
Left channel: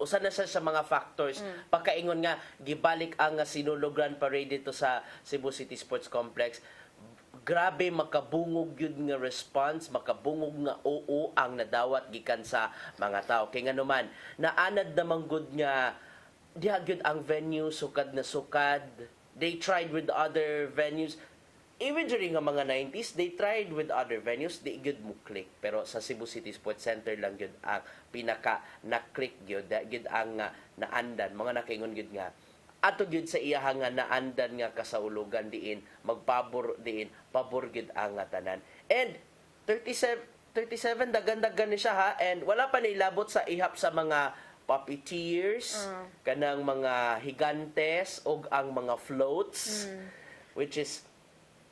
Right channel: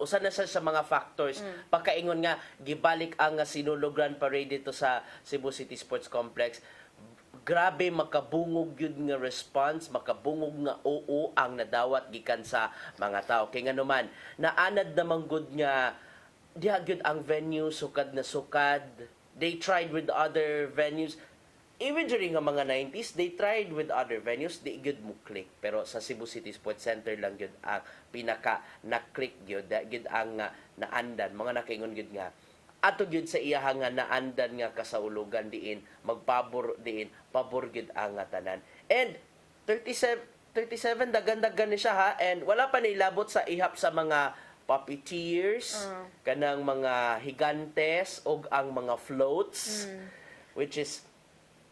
Usa na siya sa mga factors. Pagkaingon nga, gibalik ang sinulog Grand Parade dito sa Cebu City Sports Complex. Grabe makabungog yun nga response, makabungog nga oo ang nadawat gikan sa mga tao. Kaya nga naman, naanad namang good nga, diha gyud ang venue, sukad na sukad. They tried with other venues. Even during ang mga 90s, they tried with other venues, di gyud mo click. Pero sa Cebu City Sports Center lang gyud ang pinaka na-click gyud, gyud ang naandan, mga nakaingon gyud nga. Ato gyud sa iyaha nga naandan nga kasaulugan diin, magpabor diin, pabor gyud ang tanan. And 37 dagan-dagan ni siya ha, and wala pa nilabot sa ihap sa mga puppeteers, kanang mga higantes og ang mga floats, which is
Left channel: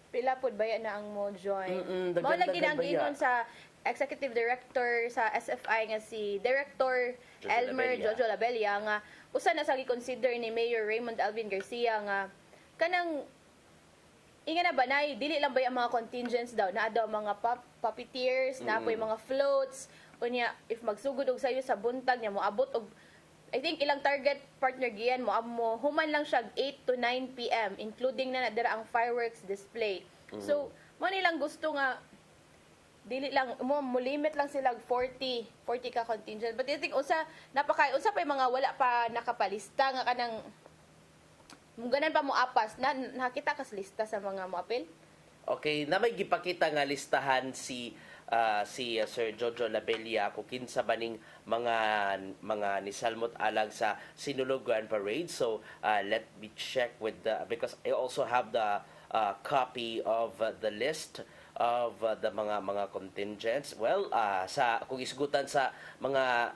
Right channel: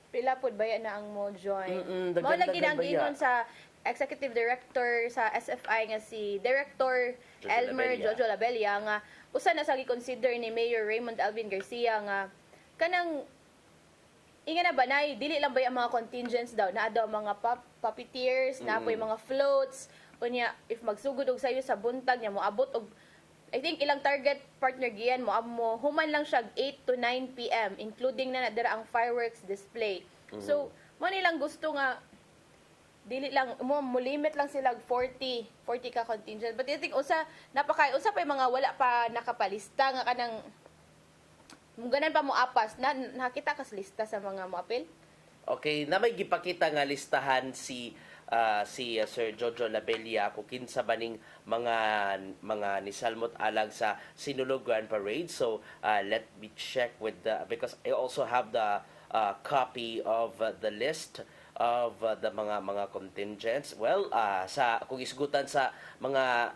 pila pud baya na ang mo join? dagan-dagan Mao lagi nang baya. giingon sa Executive Director sa SFI nga si Director Jojo Elmer Labella. Jojo Labella nga usa na sa gi-consider ni Mayor Raymond Alvin Garcia nga kanang inga na banay dili lang ba ang mga contingents daw na daw mga puppeteers na po mga floats unya if magsugod og sayo sa buntag nya moabot og I think ilang target partner giyan mo human lang siya 8 to 9 PM including na dara ang fireworks display. So mo nilang gusto nga dili lang mo limit lang sila 40 ka contingent, but I think usa pa yung mga wala pa nakapalista nga kanang ganan pa mo apas na nakita kas lista sa mga moapil. Okay, na may gipakita nga listahan si Sir Jojo Labella kung kinsa baning mga nisalmot alang sa Sinulog Grand Parade. So let me check with because I also have the copy of the list of the mga contingents. Well, kung isgutan sa mga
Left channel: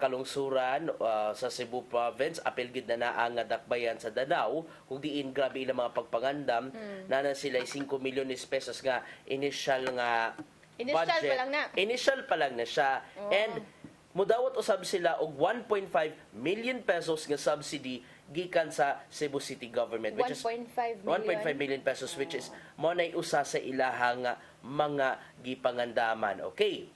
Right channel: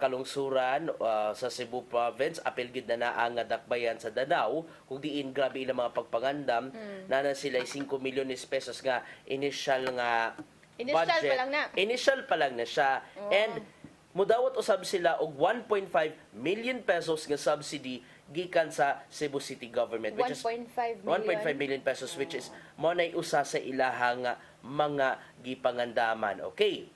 kalungsuran sa Cebu Province, apil gid na ang dakbayan sa Danao, kung diin grabe ilang mga pagpangandam, na sila 5 milyon pesos nga initial budget. Initial pa lang na siya. And mudawat usab sila og 1.5 million pesos nga subsidy gikan sa Cebu City government, which is 1.5 million pesos, which is mo nay usa sa ilahang mga gipangandaman. Okay,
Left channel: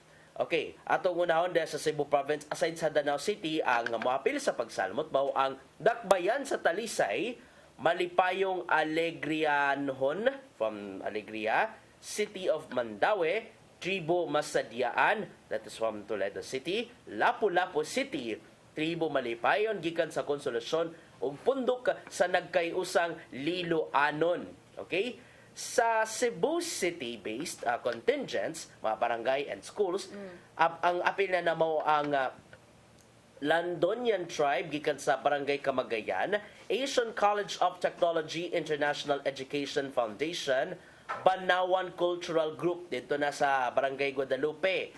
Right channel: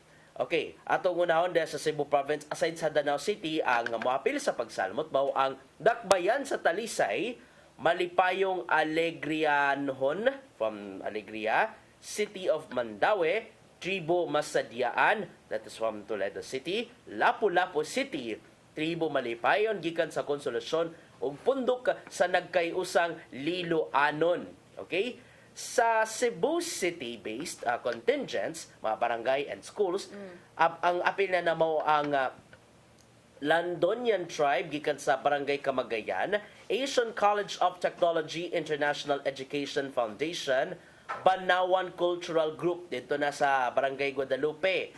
atong unahon sa Cebu Province, aside sa Danao City, ang moapil sa pagsalmot mao ang dakbayan sa Talisay, Malipayong Alegrianhon from Alegria, City of Mandaue, Tribo Masadiaan, that is from Toledo City, Lapu-Lapu City, Tribo Malipayon gikan sa Konsolasyon ug pundok sa nagkayusang Liloanon. Okay? Sa Cebu City-based contingents, mga barangay and schools, ang apil na namo ang Landonian Tribe gikan sa Barangay Camagayan, Asian College of Technology International Education Foundation, Banawan Cultural Group dito na sa Barangay Guadalupe,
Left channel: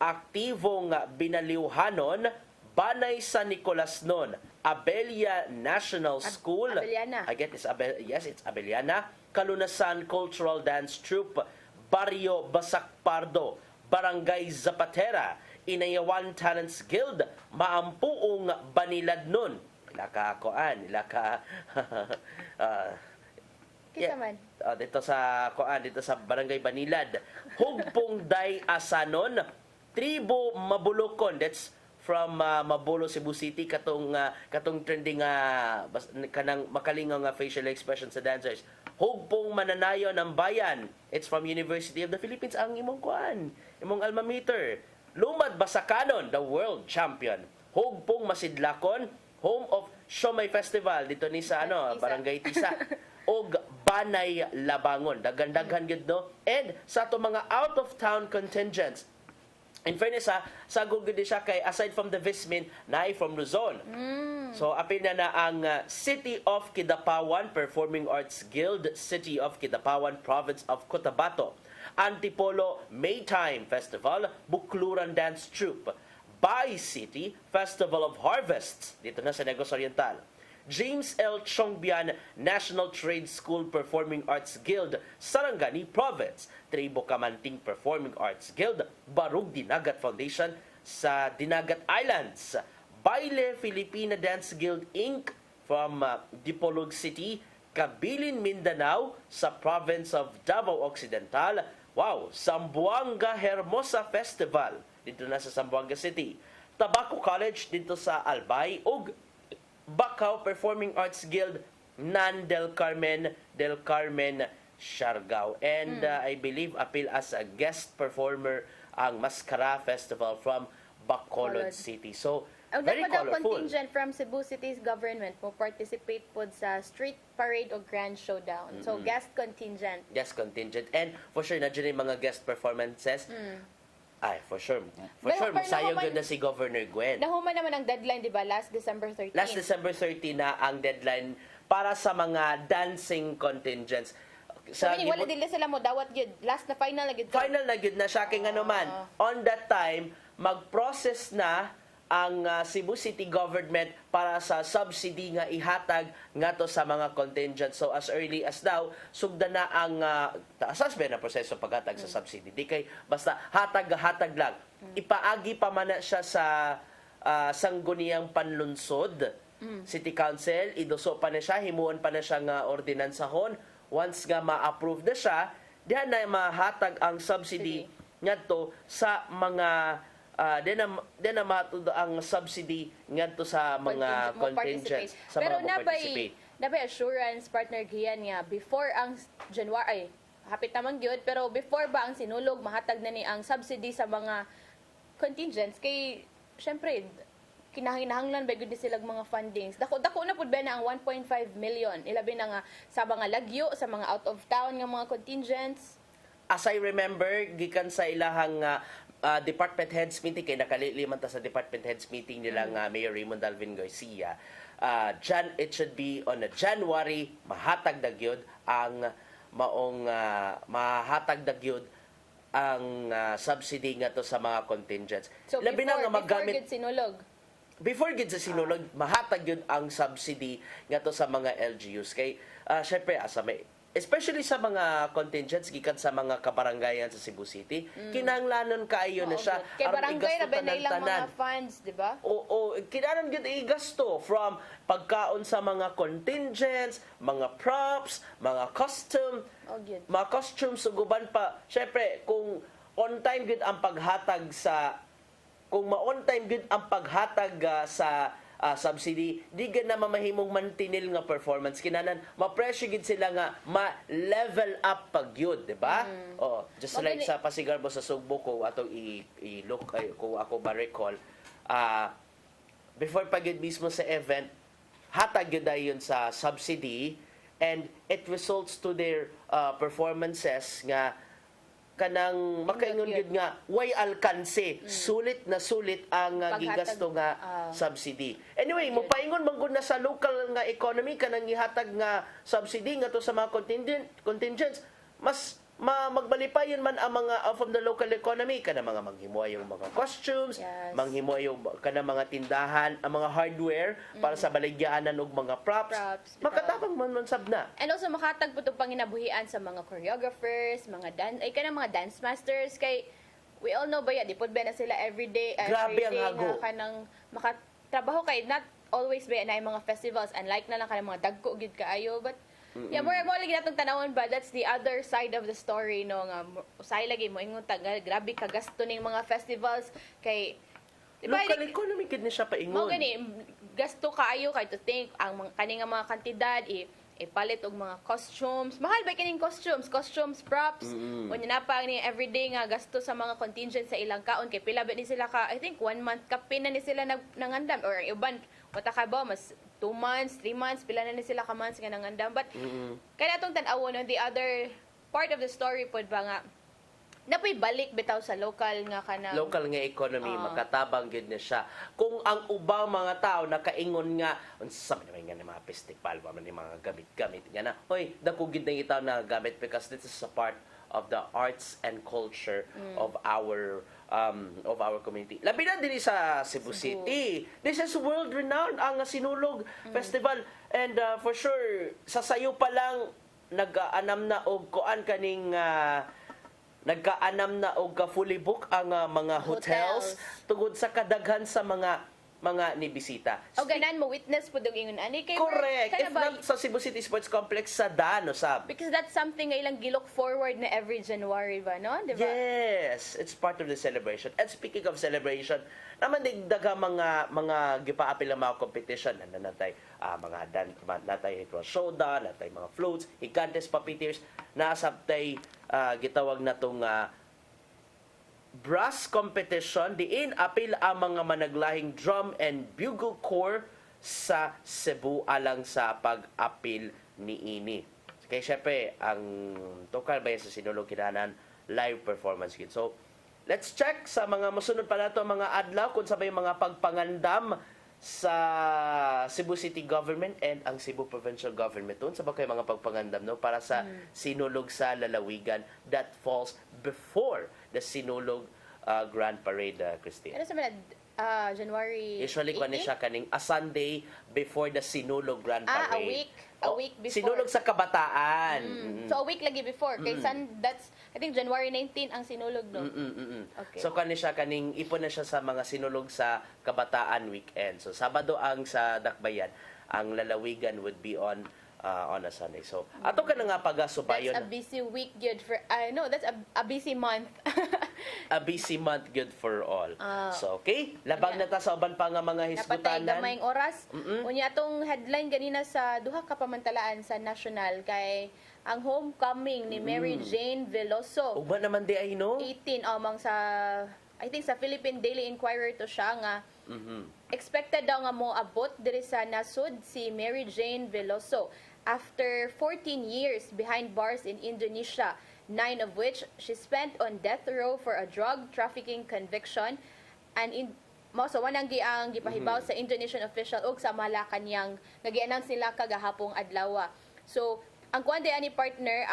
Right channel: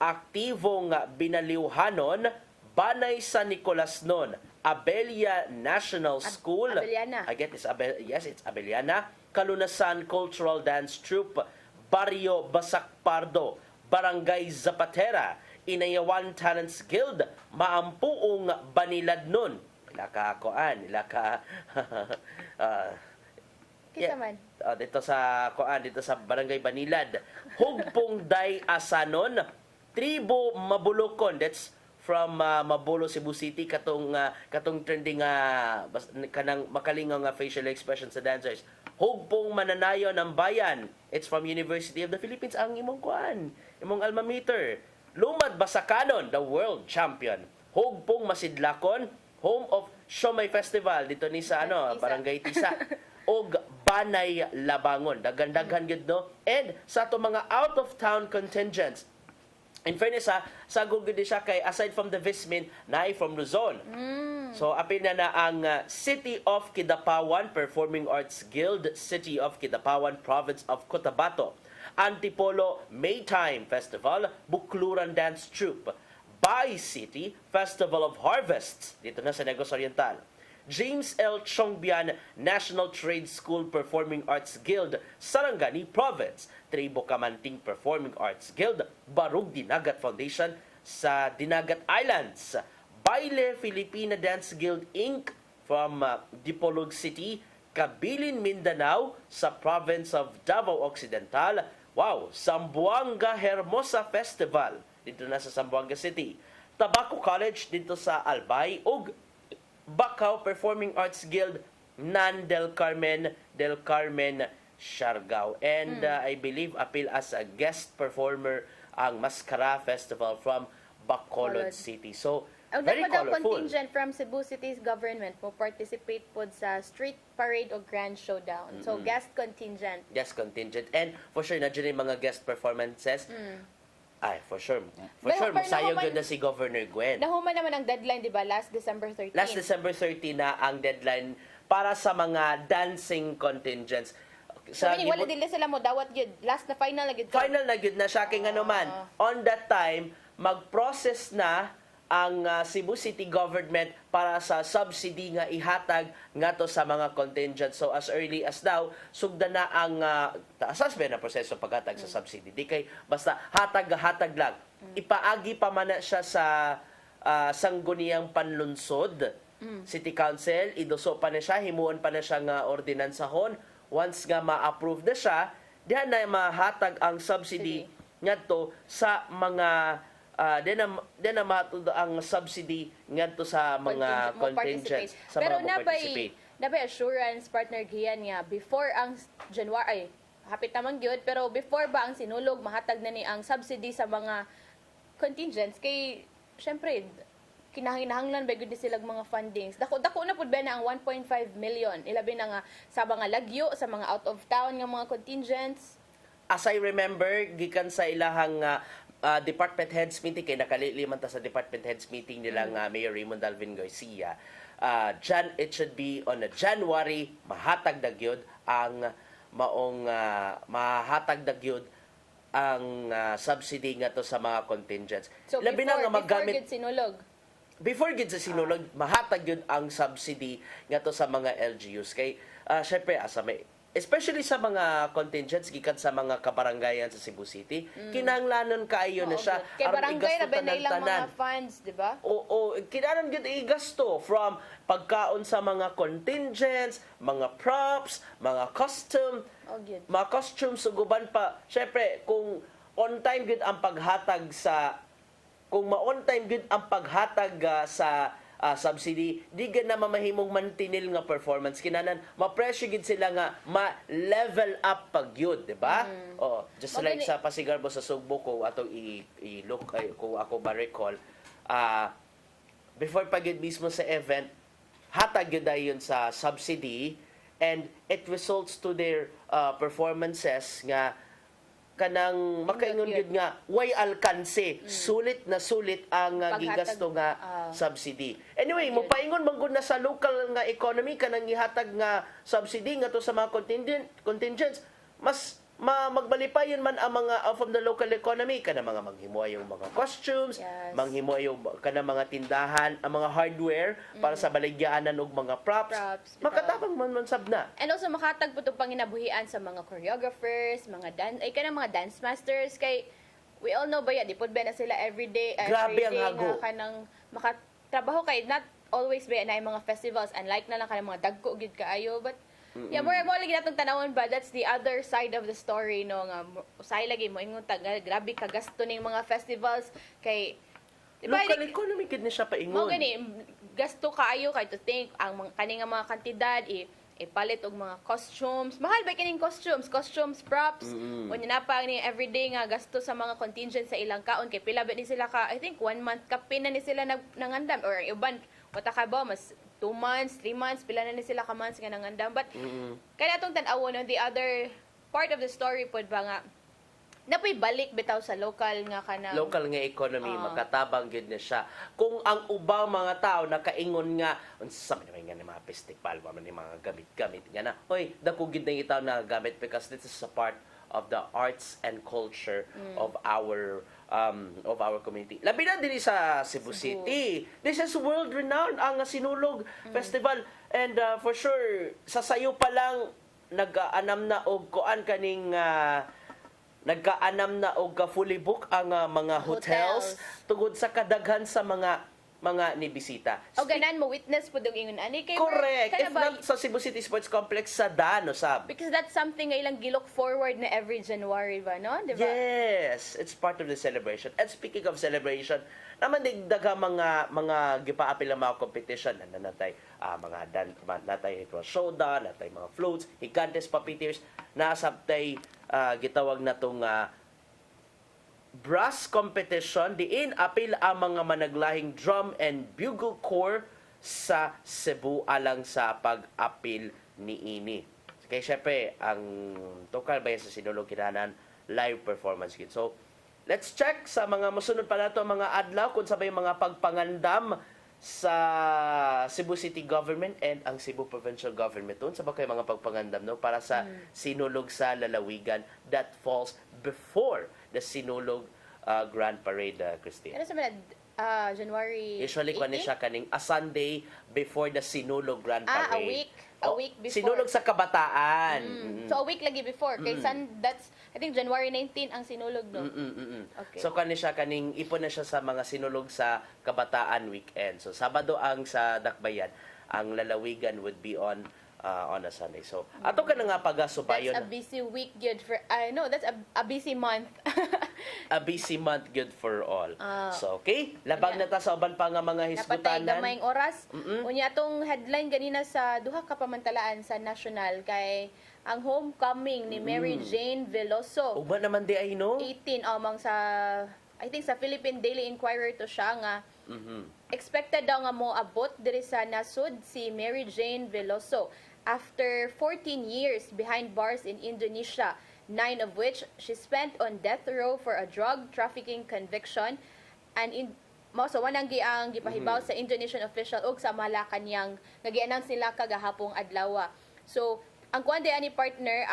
aktibong binaliwhanon, Banay San Nicolas nun, Abelia National School. Abeliana. I get this. It's Abeliana. Kalunasan Cultural Dance Troupe, Barrio Basakpardo, Barangay Zapatera, Inayawan Talents Guild, Maampuong Banilad nun. Ilaka Kisaman. dito sa Barangay Banilad. Hugpong Day Asanon, Tribo Mabulokon. That's from Mabulo, Cebu City, katong trending kanang makalingaw nga facial expression sa dancers. Hugpong Mananayo ng Bayan. It's from University of the Philippines ang imong alma mater. Lumad Basakanon, the world champion. Hugpong Masidlakon, home of Siomay Festival dito ni sa Barangay Tisa. Og Banay Labangon. Daghan-daghan gid no. And sa ato mga out of town contingents, in fairness sagog gid siya kay aside from the Vismin, naay from Luzon. So apil na ang City of Kidapawan Performing Arts Guild, City of Kidapawan Province of Cotabato, Antipolo Maytime Festival, Bukluran Dance Troupe, Bay City Festival of Harvests dito na sa Negros Oriental, James L. Chongbian National Trade School Performing Arts Guild, Sarangani Province, Tribo Kamanting Performing Arts Guild, Barug Dinagat Foundation sa Dinagat Islands, Baile Filipina Dance Guild Inc. from Dipolog City, Kabilin, Mindanao sa Province of Davao Occidental, Zamboanga Hermosa Festival dito na sa Zamboanga City, Tabaco College dito sa Albay, ug Bacau Performing Arts Guild Nan del Carmen Siargao. And I believe appeal as a guest performer ang Mascara Festival from Bacolod City. So very daw colorful. contingent from Cebu City's government mo participate po sa street parade o grand showdown. So guest contingent. Guest contingent. And for sure na dyan yung mga guest performances. Ay, for sure. For Pero sure, masayog nahuman- yun na si Governor Gwen. Nahuman naman ang deadline, di ba? Last December 13. Last December 30 na ang deadline para sa mga dancing contingents. So, meaning, wala din sila mo dawat yun. Last na final na yun. Final na yun na siya kay nga naman. On that time, mag-process na ang Cebu City government para sa subsidy nga ihatag ngato sa mga contingents. So as early as now, sugda na ang taasas ba na proseso paghatag sa subsidy. Di kay basta hatag lang. Ipaagi pa man na siya sa sangguniang panlunsod. City Council, iduso pa na siya, himuon pa na siya nga ordinansahon. Once nga ma-approve na siya, diyan na mahatag ang subsidy ngadto sa mga then na matudo ang subsidy ngadto sa mga contingents sa Pero mga participate. nabay assurance partner giyan nga before ang January hapit naman gyud, pero before ba ang sinulog mahatag na ni ang subsidy sa mga contingents kay syempre kinahanglan ba gyud sila mga fundings. Dako na pud ba na ang 1.5 million. Ilabi na nga sa mga lagyo, sa mga out of town nga mga contingents. As I remember, gikan sa ilahang department heads meeting, kay nakaliliman ta sa department heads meeting nila nga Mayor Raymond Alvin Garcia, it should be on a January, mahatag na gyud ang maong mahatag na gyud ang subsidy nga to sa mga contingents. So Labi na nga before gid sinulog. Before gid sa sinulog, mahatag yun ang subsidy nga to sa mga LGUs. Kay, syempre, especially sa mga contingents gikan sa mga kabarangayan sa Cebu City, kinahanglanon kaayo na siya. Kay aron barangay igasto ra ba na ilang tanan-tanan. mga funds, di ba? Oo, kinahanglan gid igasto from pagkaon sa mga contingents, mga props, mga mga costumes suguban pa. Syempre, kung on time gid ang paghatag sa kung ma-on time gid ang paghatag sa subsidy, di gid na mamahimong mantinil nga performance. Kinanan ma-pressure gid sila nga ma-level up pag yun, di ba? Just like sa Pasigarbo sa Sugbo ko ato i-look kung ako ba recall, before pag yun mismo sa event, hatag yun dayon sa subsidy and it results to their performances nga kanang makaingon gyud nga way alkanse, sulit na sulit ang gigasto nga subsidy. Anyway, mo paingon man gud na sa local nga economy kanang gihatag nga subsidy nga to sa mga contingents, mas magbalipayon man ang mga from the local economy kanang mga manghimuay yung mga costumes, manghimuay yung kanang mga tindahan, ang mga hardware para sa baligyaanan og mga props. Makatabang man sabna. And also makatag po itong panginabuhian sa mga choreographers, mga dance masters kay we all know ba di po ba na sila everyday Grabe ang hago. kanang makatrabaho kay not always ba na yung mga festivals unlike na lang kanang mga dagko gid kaayo but yeah, more lagi natong tanawon ba that's the other side of the story no nga usay lagi mo ingon grabe kagasto ning mga festivals kay diba, local economy gid ni siya paingon. Mo gani gasto kaayo kay to think ang kani nga mga kantidad ipalit og mga costumes. Mahal ba kining costumes, props. Unya na pa ni everyday nga gasto sa mga contingent sa ilang kaon kay pila ba ni sila ka I think 1 month kapin na ni sila nangandam or uban Wata ka ba, mas 2 months, 3 months, pila na sila ka months nga nangandam. But, kaya atong tan-awon, on the other part of the story po ba nga, napoy balik bitaw sa local nga kanang Local nga economy, makatabang gid na siya. Kung ang ubang mga tao nakaingon nga, unsa man nga na mga festival, man ni mga gamit-gamit nga na. Hoy, dako gid na itaw na gamit because this is a part of the arts and culture of our community. Labi na din sa Cebu City. This is world renowned ang Sinulog Festival, and for sure sa sayo pa lang nag-aanam na og kuan kaning nagkaanam na og fully book ang mga hotels tungod sa kadaghan sa mga nibisita. O ganan mo witness po dong ingon ani kay Correct. kana If ba- not sa Cebu City Sports Complex sa Dano sab. because that's something nga ilang gilook forward na every January ba, no? Di ba? Yes, it's part of the celebration. And speaking of celebration, naman digdaga mga gipaapil ang mga competition na natay natay showdown, natay mga floats, higantes puppeteers, nasabtay gitawag na tong brass competition diin apil ang mga managlahing drum and bugle corps sa Cebu alang sa pag-apil niini. Kaya syempre, ang tukar ba sa Sinulog kinahanan live performance yun. So, let's check sa mga masunod pa nato mga adlaw kung sabay mga pagpangandam sa Cebu City Government and ang Cebu Provincial Government doon sa kay mga pagpangandam no para sa Sinulog sa Lalawigan that falls before the Sinulog Grand Parade, Christine. Ano sa mga January Usually 18? kani siya kaning a Sunday before the Sinulog Grand Parade. A week before. Sinulog sa kabataan. So a week lagi before. Kay that's I think January 19 ang sinulog no. Okay. So kani siya kaning ipon na siya sa mga sinulog sa kabataan weekend. So Sabado ang sa Dakbayan, ang lalawigan would be on a Sunday. So ato ka na nga pagasubayon. That's a busy week good for no, that's a busy month. A busy month good for all. So okay, labang na ta sa uban pa nga mga Napatay hisgutanan. gamayng oras. Unya atong headline ganina sa duha ka pamantalaan sa national kay ang homecoming ni Mary Jane Veloso. Uba naman di ay no? 18 amang sa I think sa Philippine Daily Inquirer to siya nga expected daw nga mo abot diri sa nasud si Mary Jane Veloso after 14 years behind bars in Indonesia, 9 of which she spent on death row for a drug trafficking conviction, and so wanang ang gipahibaw sa Indonesian official ug sa Malacanang nga gi-announce nila kagahapong adlaw. So ang kuan ani partner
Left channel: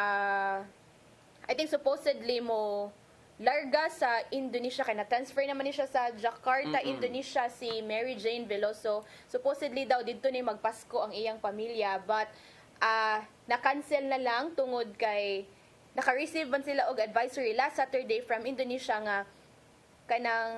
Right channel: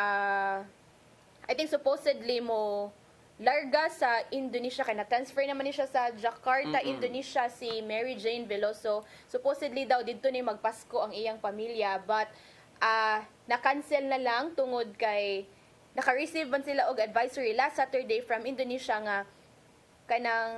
I think supposedly mo larga sa Indonesia kay na-transfer naman ni siya sa Jakarta, Indonesia si Mary Jane Veloso. Supposedly daw didto ni magpasko ang iyang pamilya but na-cancel na lang tungod kay naka-receive man sila og advisory last Saturday from Indonesia nga kanang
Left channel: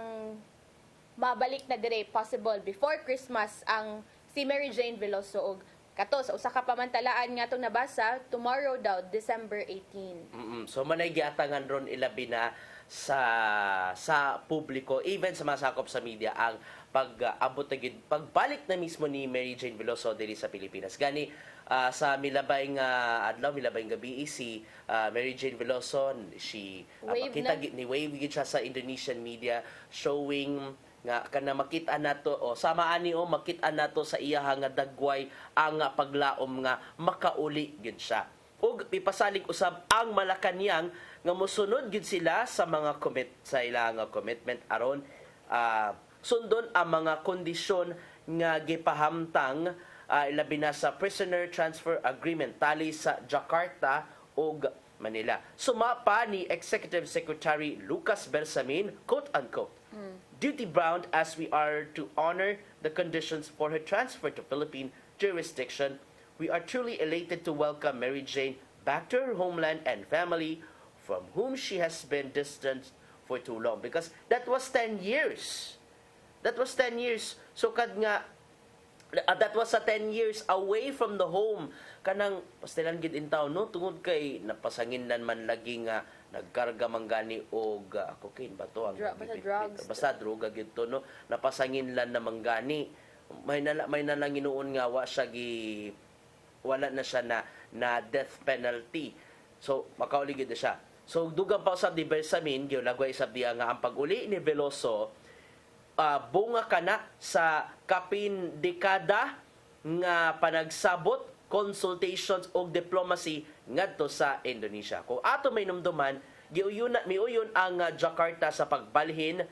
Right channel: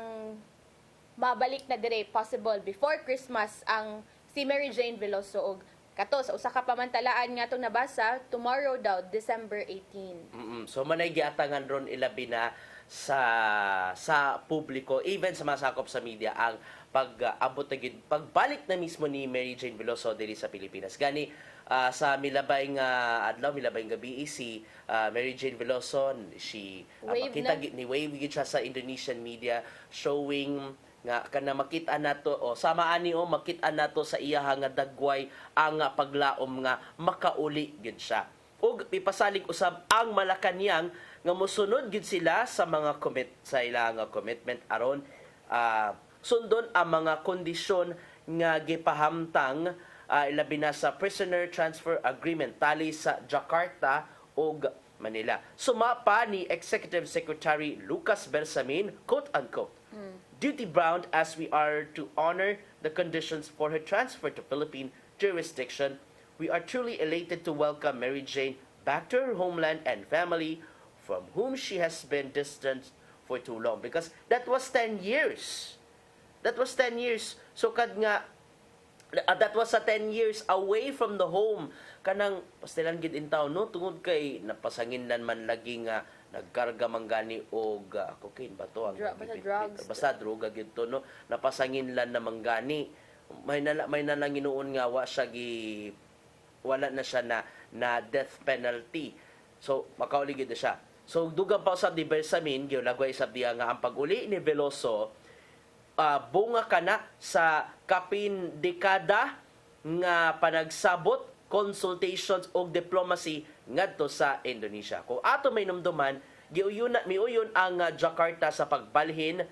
mabalik na dire possible before Christmas ang si Mary Jane Veloso og kato sa usa ka pamantalaan nga itong nabasa tomorrow daw December 18. So manay giatangan ron ilabi na sa publiko, even sa mga sakop sa media, ang pag-abot na pagbalik na mismo ni Mary Jane Veloso diri sa Pilipinas. Gani sa milabay nga adlaw, milabay nga gabi si Mary Jane Veloso, she makita ni wave gid siya sa Indonesian media showing nga kana makita nato sama ani makita nato sa iya nga dagway ang paglaom nga makauli gid siya. Ug ipasalig usab ang Malacanang nga mosunod gid sila sa mga sa ilang commitment aron sundon ang mga kondisyon nga gipahamtang labi na sa prisoner transfer agreement tali sa Jakarta ug Manila. Sumapa ni Executive Secretary Lucas Bersamin, quote-unquote, duty-bound as we are to honor the conditions for her transfer to Philippine jurisdiction, we are truly elated to welcome Mary Jane back to her homeland and family from whom she has been distant for too long. Because that was 10 years. That was 10 years. So kad nga, that was 10 years away from the home. Kanang pastilan gid in town no tungod kay napasanginlan man lagi nga nagkarga man gani og cocaine ba to ang basta droga gid to no napasanginlan na mangani may nalang inuon nga wala na siya na death penalty, so makauli gid siya. So dugang pa usab di Bersamin gyud lagway sab diya nga ang pag-uli ni Veloso bunga kana sa kapin dekada nga panagsabot consultations o diplomacy ngadto sa Indonesia. Kung ato may numduman, miuyon ang Jakarta sa pagbalhin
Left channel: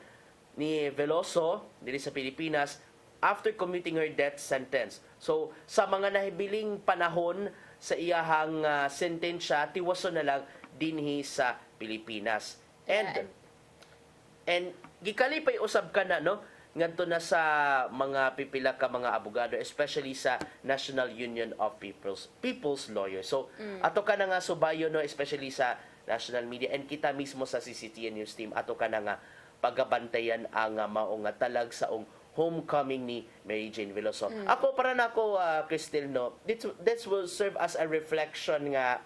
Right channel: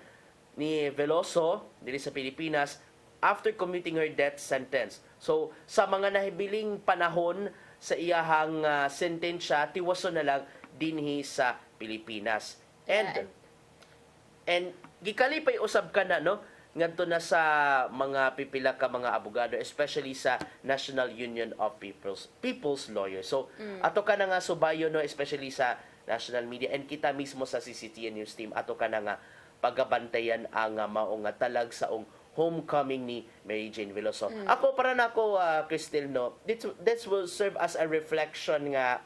ni Veloso dili sa Pilipinas after commuting her death sentence. So sa mga nahibiling panahon sa iyahang sentensya, tiwaso na lang dinhi sa Pilipinas. And gikalipay usab ka na, no? Ngadto na sa mga pipila ka mga abogado, especially sa National Union of People's Lawyers. So ato ka na nga subayo, no, especially sa national media, and kita mismo sa CCTN News Team, ato ka na nga pagabantayan ang mao nga talag saong homecoming ni Mary Jane Veloso. Ako para nako Cristel, no, this will serve as a reflection nga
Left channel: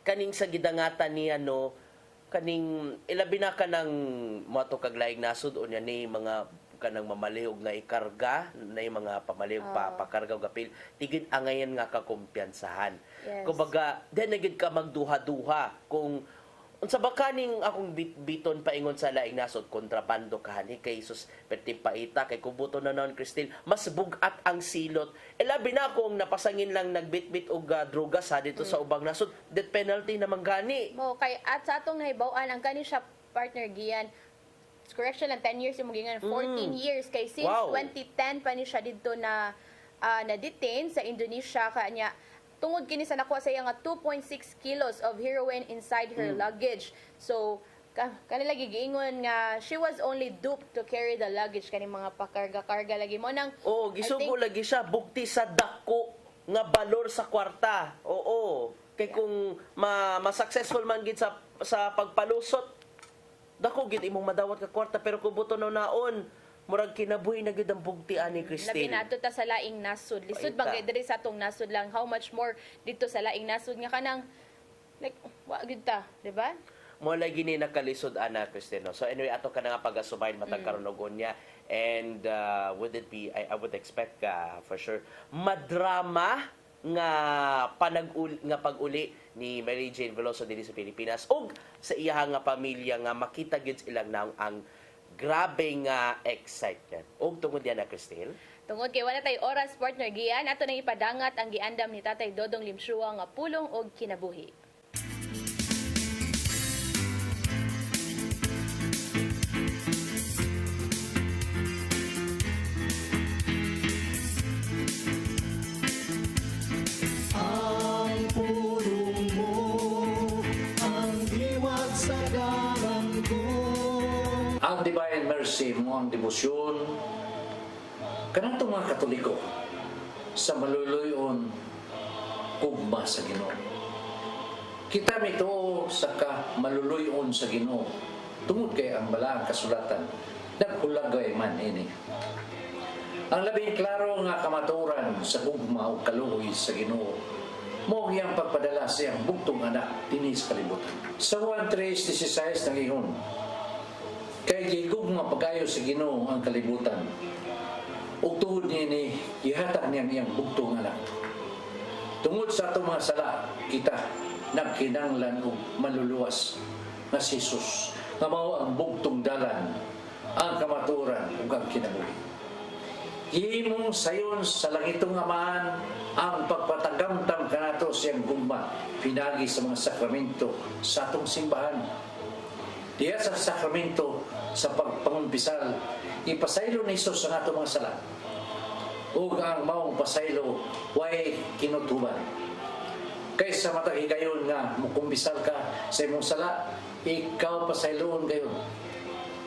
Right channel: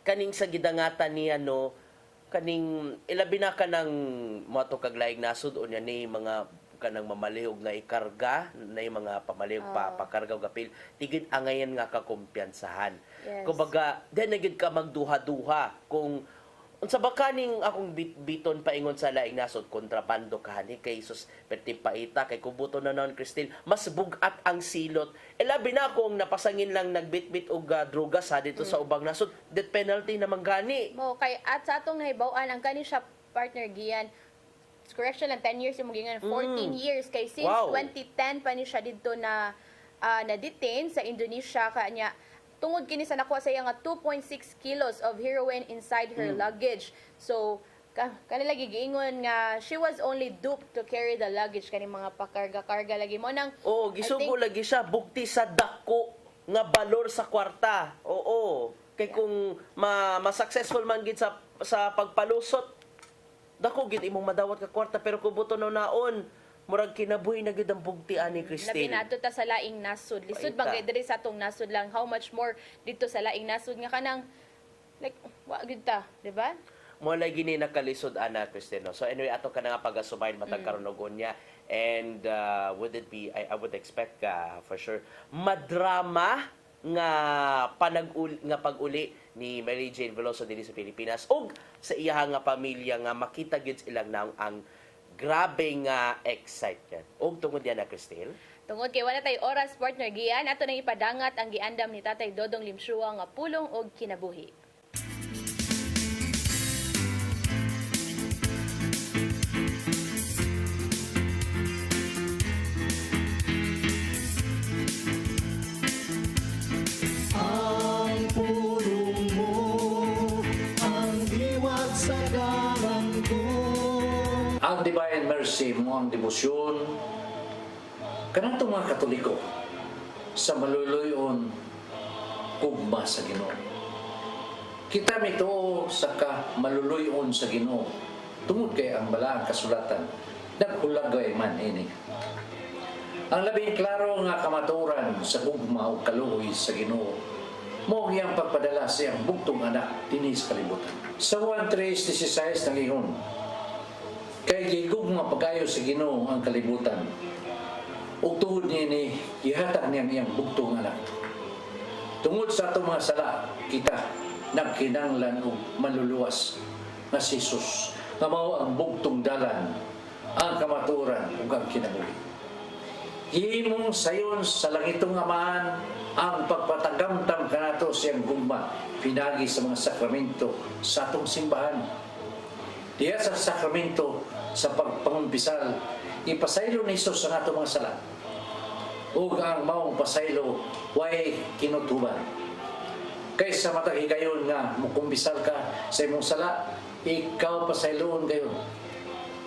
kaning sa gidangatan niya, no, kaning ilabi na ka ng moto kaglaig nasud o niya ni mga kanang mamalihog na ikarga na yung mga pamalihog pakarga og apil tigid angayan nga kakumpiyansahan. Yes. Kumbaga then nagid ka magduha-duha kung unsa ba kaning akong biton paingon sa laing nasod kontrabando kahani kay sus perti paita kay kubuto na noon Cristel mas bugat ang silot. Labi na kung napasangin lang nagbitbit og drogas ha dito sa ubang nasod, death penalty naman gani. Mo kay at sa atong nahibaw-an ang kani siya partner Gian, correction lang 10 years yung gingan 14 years kay since 2010 pa ni siya dito na na-detain sa Indonesia kanya tungod kini sa nakuha sa iya nga 2.6 kilos of heroin inside her luggage. So kanila gigingon nga she was only duped to carry the luggage kani mga pakarga-karga lagi mo nang gisugo lagi siya bugti sa dako nga balor sa kwarta. Kay kung ma-successful man gid sa pagpalusot dako gid imong madawat ka kwarta, pero kubuto no naon murag kinabuhi na gid ang bugti ani Christine. Labi nato ta sa laing nasod. Lisod bang diri sa atong nasod lang, how much more dito sa laing nasod nga kanang like wa gid ta, di ba? Mo lagi ni nakalisod ana Christine. So anyway, ato ka na nga pagasubayin matag karon og unya, and would it be I would expect for sure madrama nga pag-uli ni Mary Jane Veloso diri sa Pilipinas ug sa iya nga pamilya nga makita gyud ilang naong ang grabe nga excitement. Og tungod yan na, Cristel? Tungod kay wala tay oras, partner Gian, ato nang ipadangat ang giandam ni Tatay Dodong Limshua nga pulong og kinabuhi. Ang pulong mo, ang diwat sa dalan ko. Ang Divine Mercy mo ang debosyon kanang mga Katoliko sa maluluyon ugma sa Ginoo. Kita mito sa maluluyon sa Ginoo tungod kay ang balaang kasulatan naghulagay man ini. Ang labing klaro nga kamaturan sa ugma o kaluoy sa Ginoo mo iyang pagpadala sa iyang bugtong anak dinhi sa kalibutan. Sa 1:3:16 nangingon, kay gigugma pagayo sa Ginoo ang kalibutan ug tuhod niini ihatag niya iyang bugtong anak. Tungod sa atong mga sala kita nagkinahanglan og maluluwas nga si Jesus nga mao ang bugtong dalan, ang kamaturan ug ang kinabuhi. Himong sayon sa langitong Amahan ang pagpatagamtam kanato siyang gugma pinagi sa mga sakramento sa atong simbahan. Diya sa sakramento sa pagpangumpisal, ipasaylo ni Jesus sa atong mga sala. Ug ang maong pasaylo way kinutuban. Kaysa matag higayon nga mukumpisal ka sa imong sala, ikaw pasayloon gayon.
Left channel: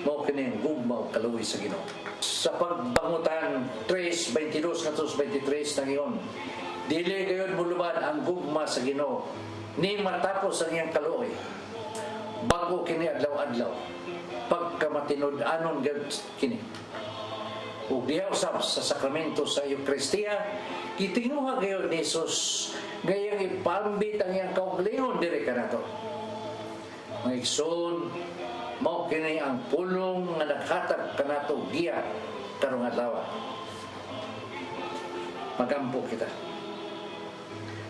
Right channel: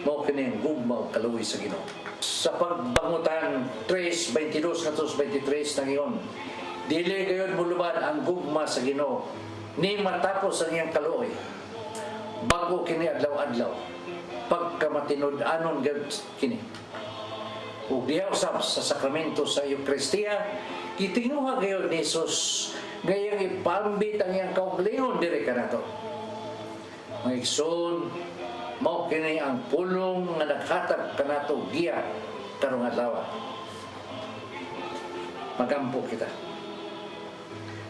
Mao kini gugma ug kaluoy sa Ginoo. Sa pagbangutan 3:22 ngadto 23 nangiyon, dili gayon muluban ang gugma sa Ginoo ni matapos ang iyang kaluoy. Bago kini adlaw-adlaw pagkamatinud-anon gud kini. Ug diha usab sa sakramento sa Eucharistia gitinuha gayon ni Jesus gayang ipambit ang iyang kaugalingon diri kanato. Mga igsoon, mao kini ang pulong nga naghatag kanato giya karong adlaw. Magampo kita.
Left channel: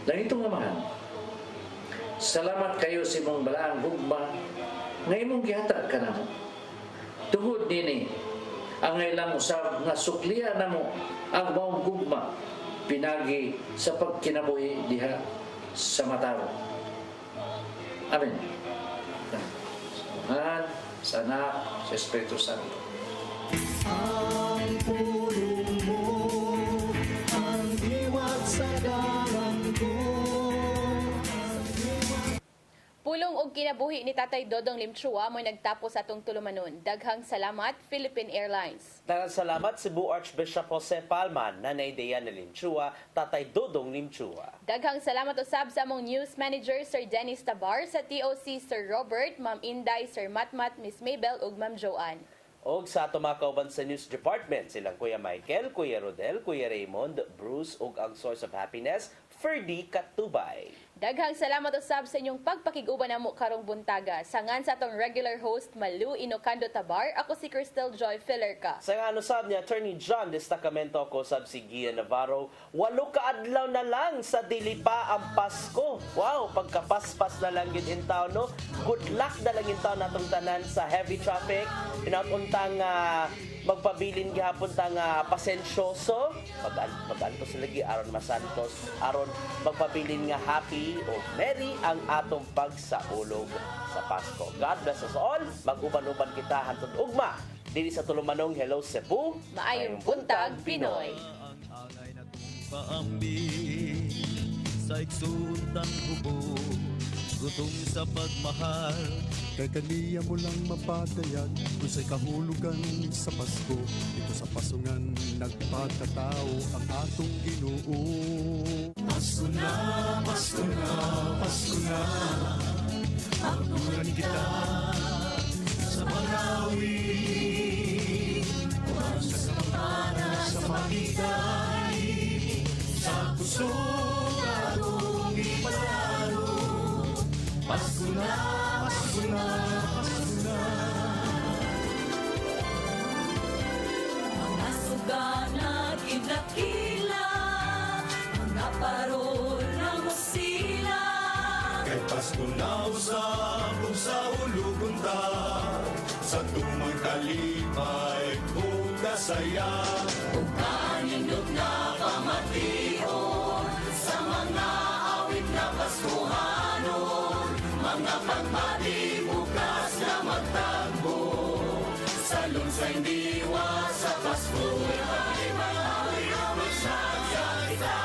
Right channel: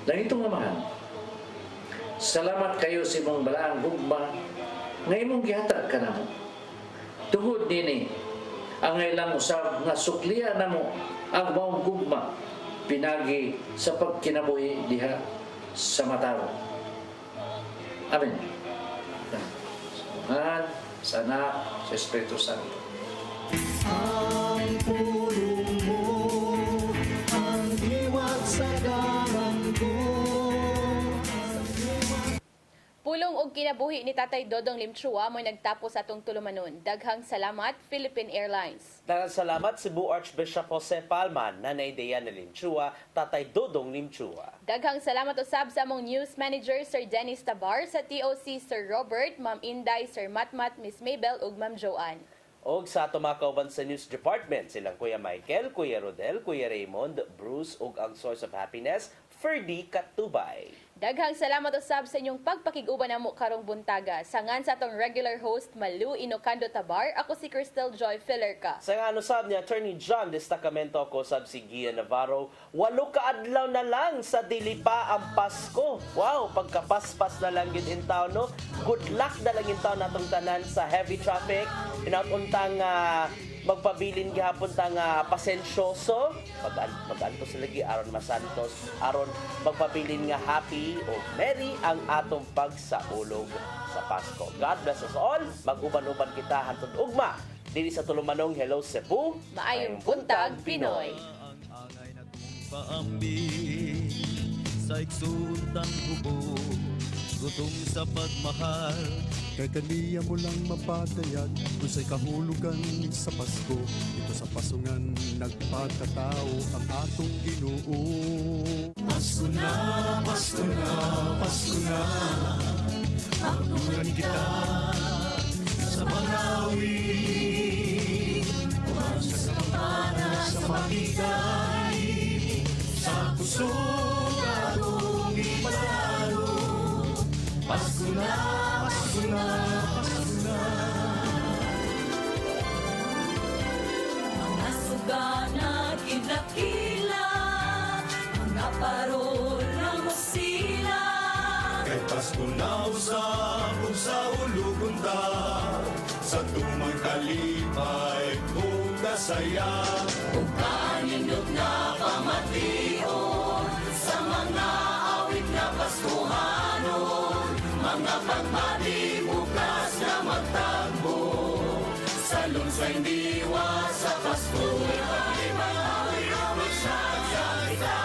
Langitong Amahan, salamat kayo sa imong balaang gugma nga imong gihatag kanamo. Tungod nini ang ilang usab nga suklian namo ang maong gugma pinagi sa pagkinabuhi diha sa Mataro. Amen. Tuhan, sa Anak, sa Espiritu Santo. Ang pulong mo, ang diwat sa dalan ko. Pulong og kinabuhi ni Tatay Dodong Limchua mo nagtapos atong tulumanon. Daghang salamat Philippine Airlines. Daghang salamat Cebu Archbishop Jose Palman, Nanay Diana Limchua, Tatay Dodong Limchua. Daghang salamat usab sa among news manager Sir Dennis Tabar, sa TOC Sir Robert, Ma'am Inday, Sir Matmat, Miss Mabel ug Ma'am Joanne. Og sa ato mga kauban sa news department, silang Kuya Michael, Kuya Rodel, Kuya Raymond, Bruce ug ang Source of Happiness, Ferdy Katubay. Daghang salamat usab sa inyong pagpakig-uban namo karong buntaga. Sangan sa atong regular host Malu Inocando Tabar, ako si Cristel Joy Fillerca. Sa nga usab ni Attorney John Destacamento ako sab si Gia Navarro. 8 kaadlaw na lang sa dili pa ang Pasko. Wow, pagkapaspas na lang gid in town, no? Good luck na lang in town natong tanan sa heavy traffic. Inauntang magpabilin gihapon tang pasensyoso. Mag-antos lagi aron masantos, aron magpabilin nga happy o merry ang atong pagsaulog sa Pasko. God bless us all. Mag-uban-uban kita hantod ugma. Dili sa tulumanong Hello Cebu. Maayong buntag Pinoy. Paambi sa iksutan hubo, gutom sa pagmahal, kay kaniya mo lang mapatayag, kung sa'y kahulugan sa Pasko, ito sa pasungan nagpakatao ang atong Ginoo. Pasko na, Pasko na, Pasko na, pagtungan kita sa Marawi, umansya sa pagmana sa maligay, sa puso atong ipatalo. Pasko na, Pasko na, Pasko na. Mga suganat idakila, mga parol ng masila. Kay Pasko na usab sa ulugon ta, sa tumang kalipay kung kasaya. Kung kanindot na pamation, sa mga awit na Paskohanon, mga pagmati bukas na magtagbo, sa lungsay diwa sa Pasko. Ibang awit ang masyadya kita.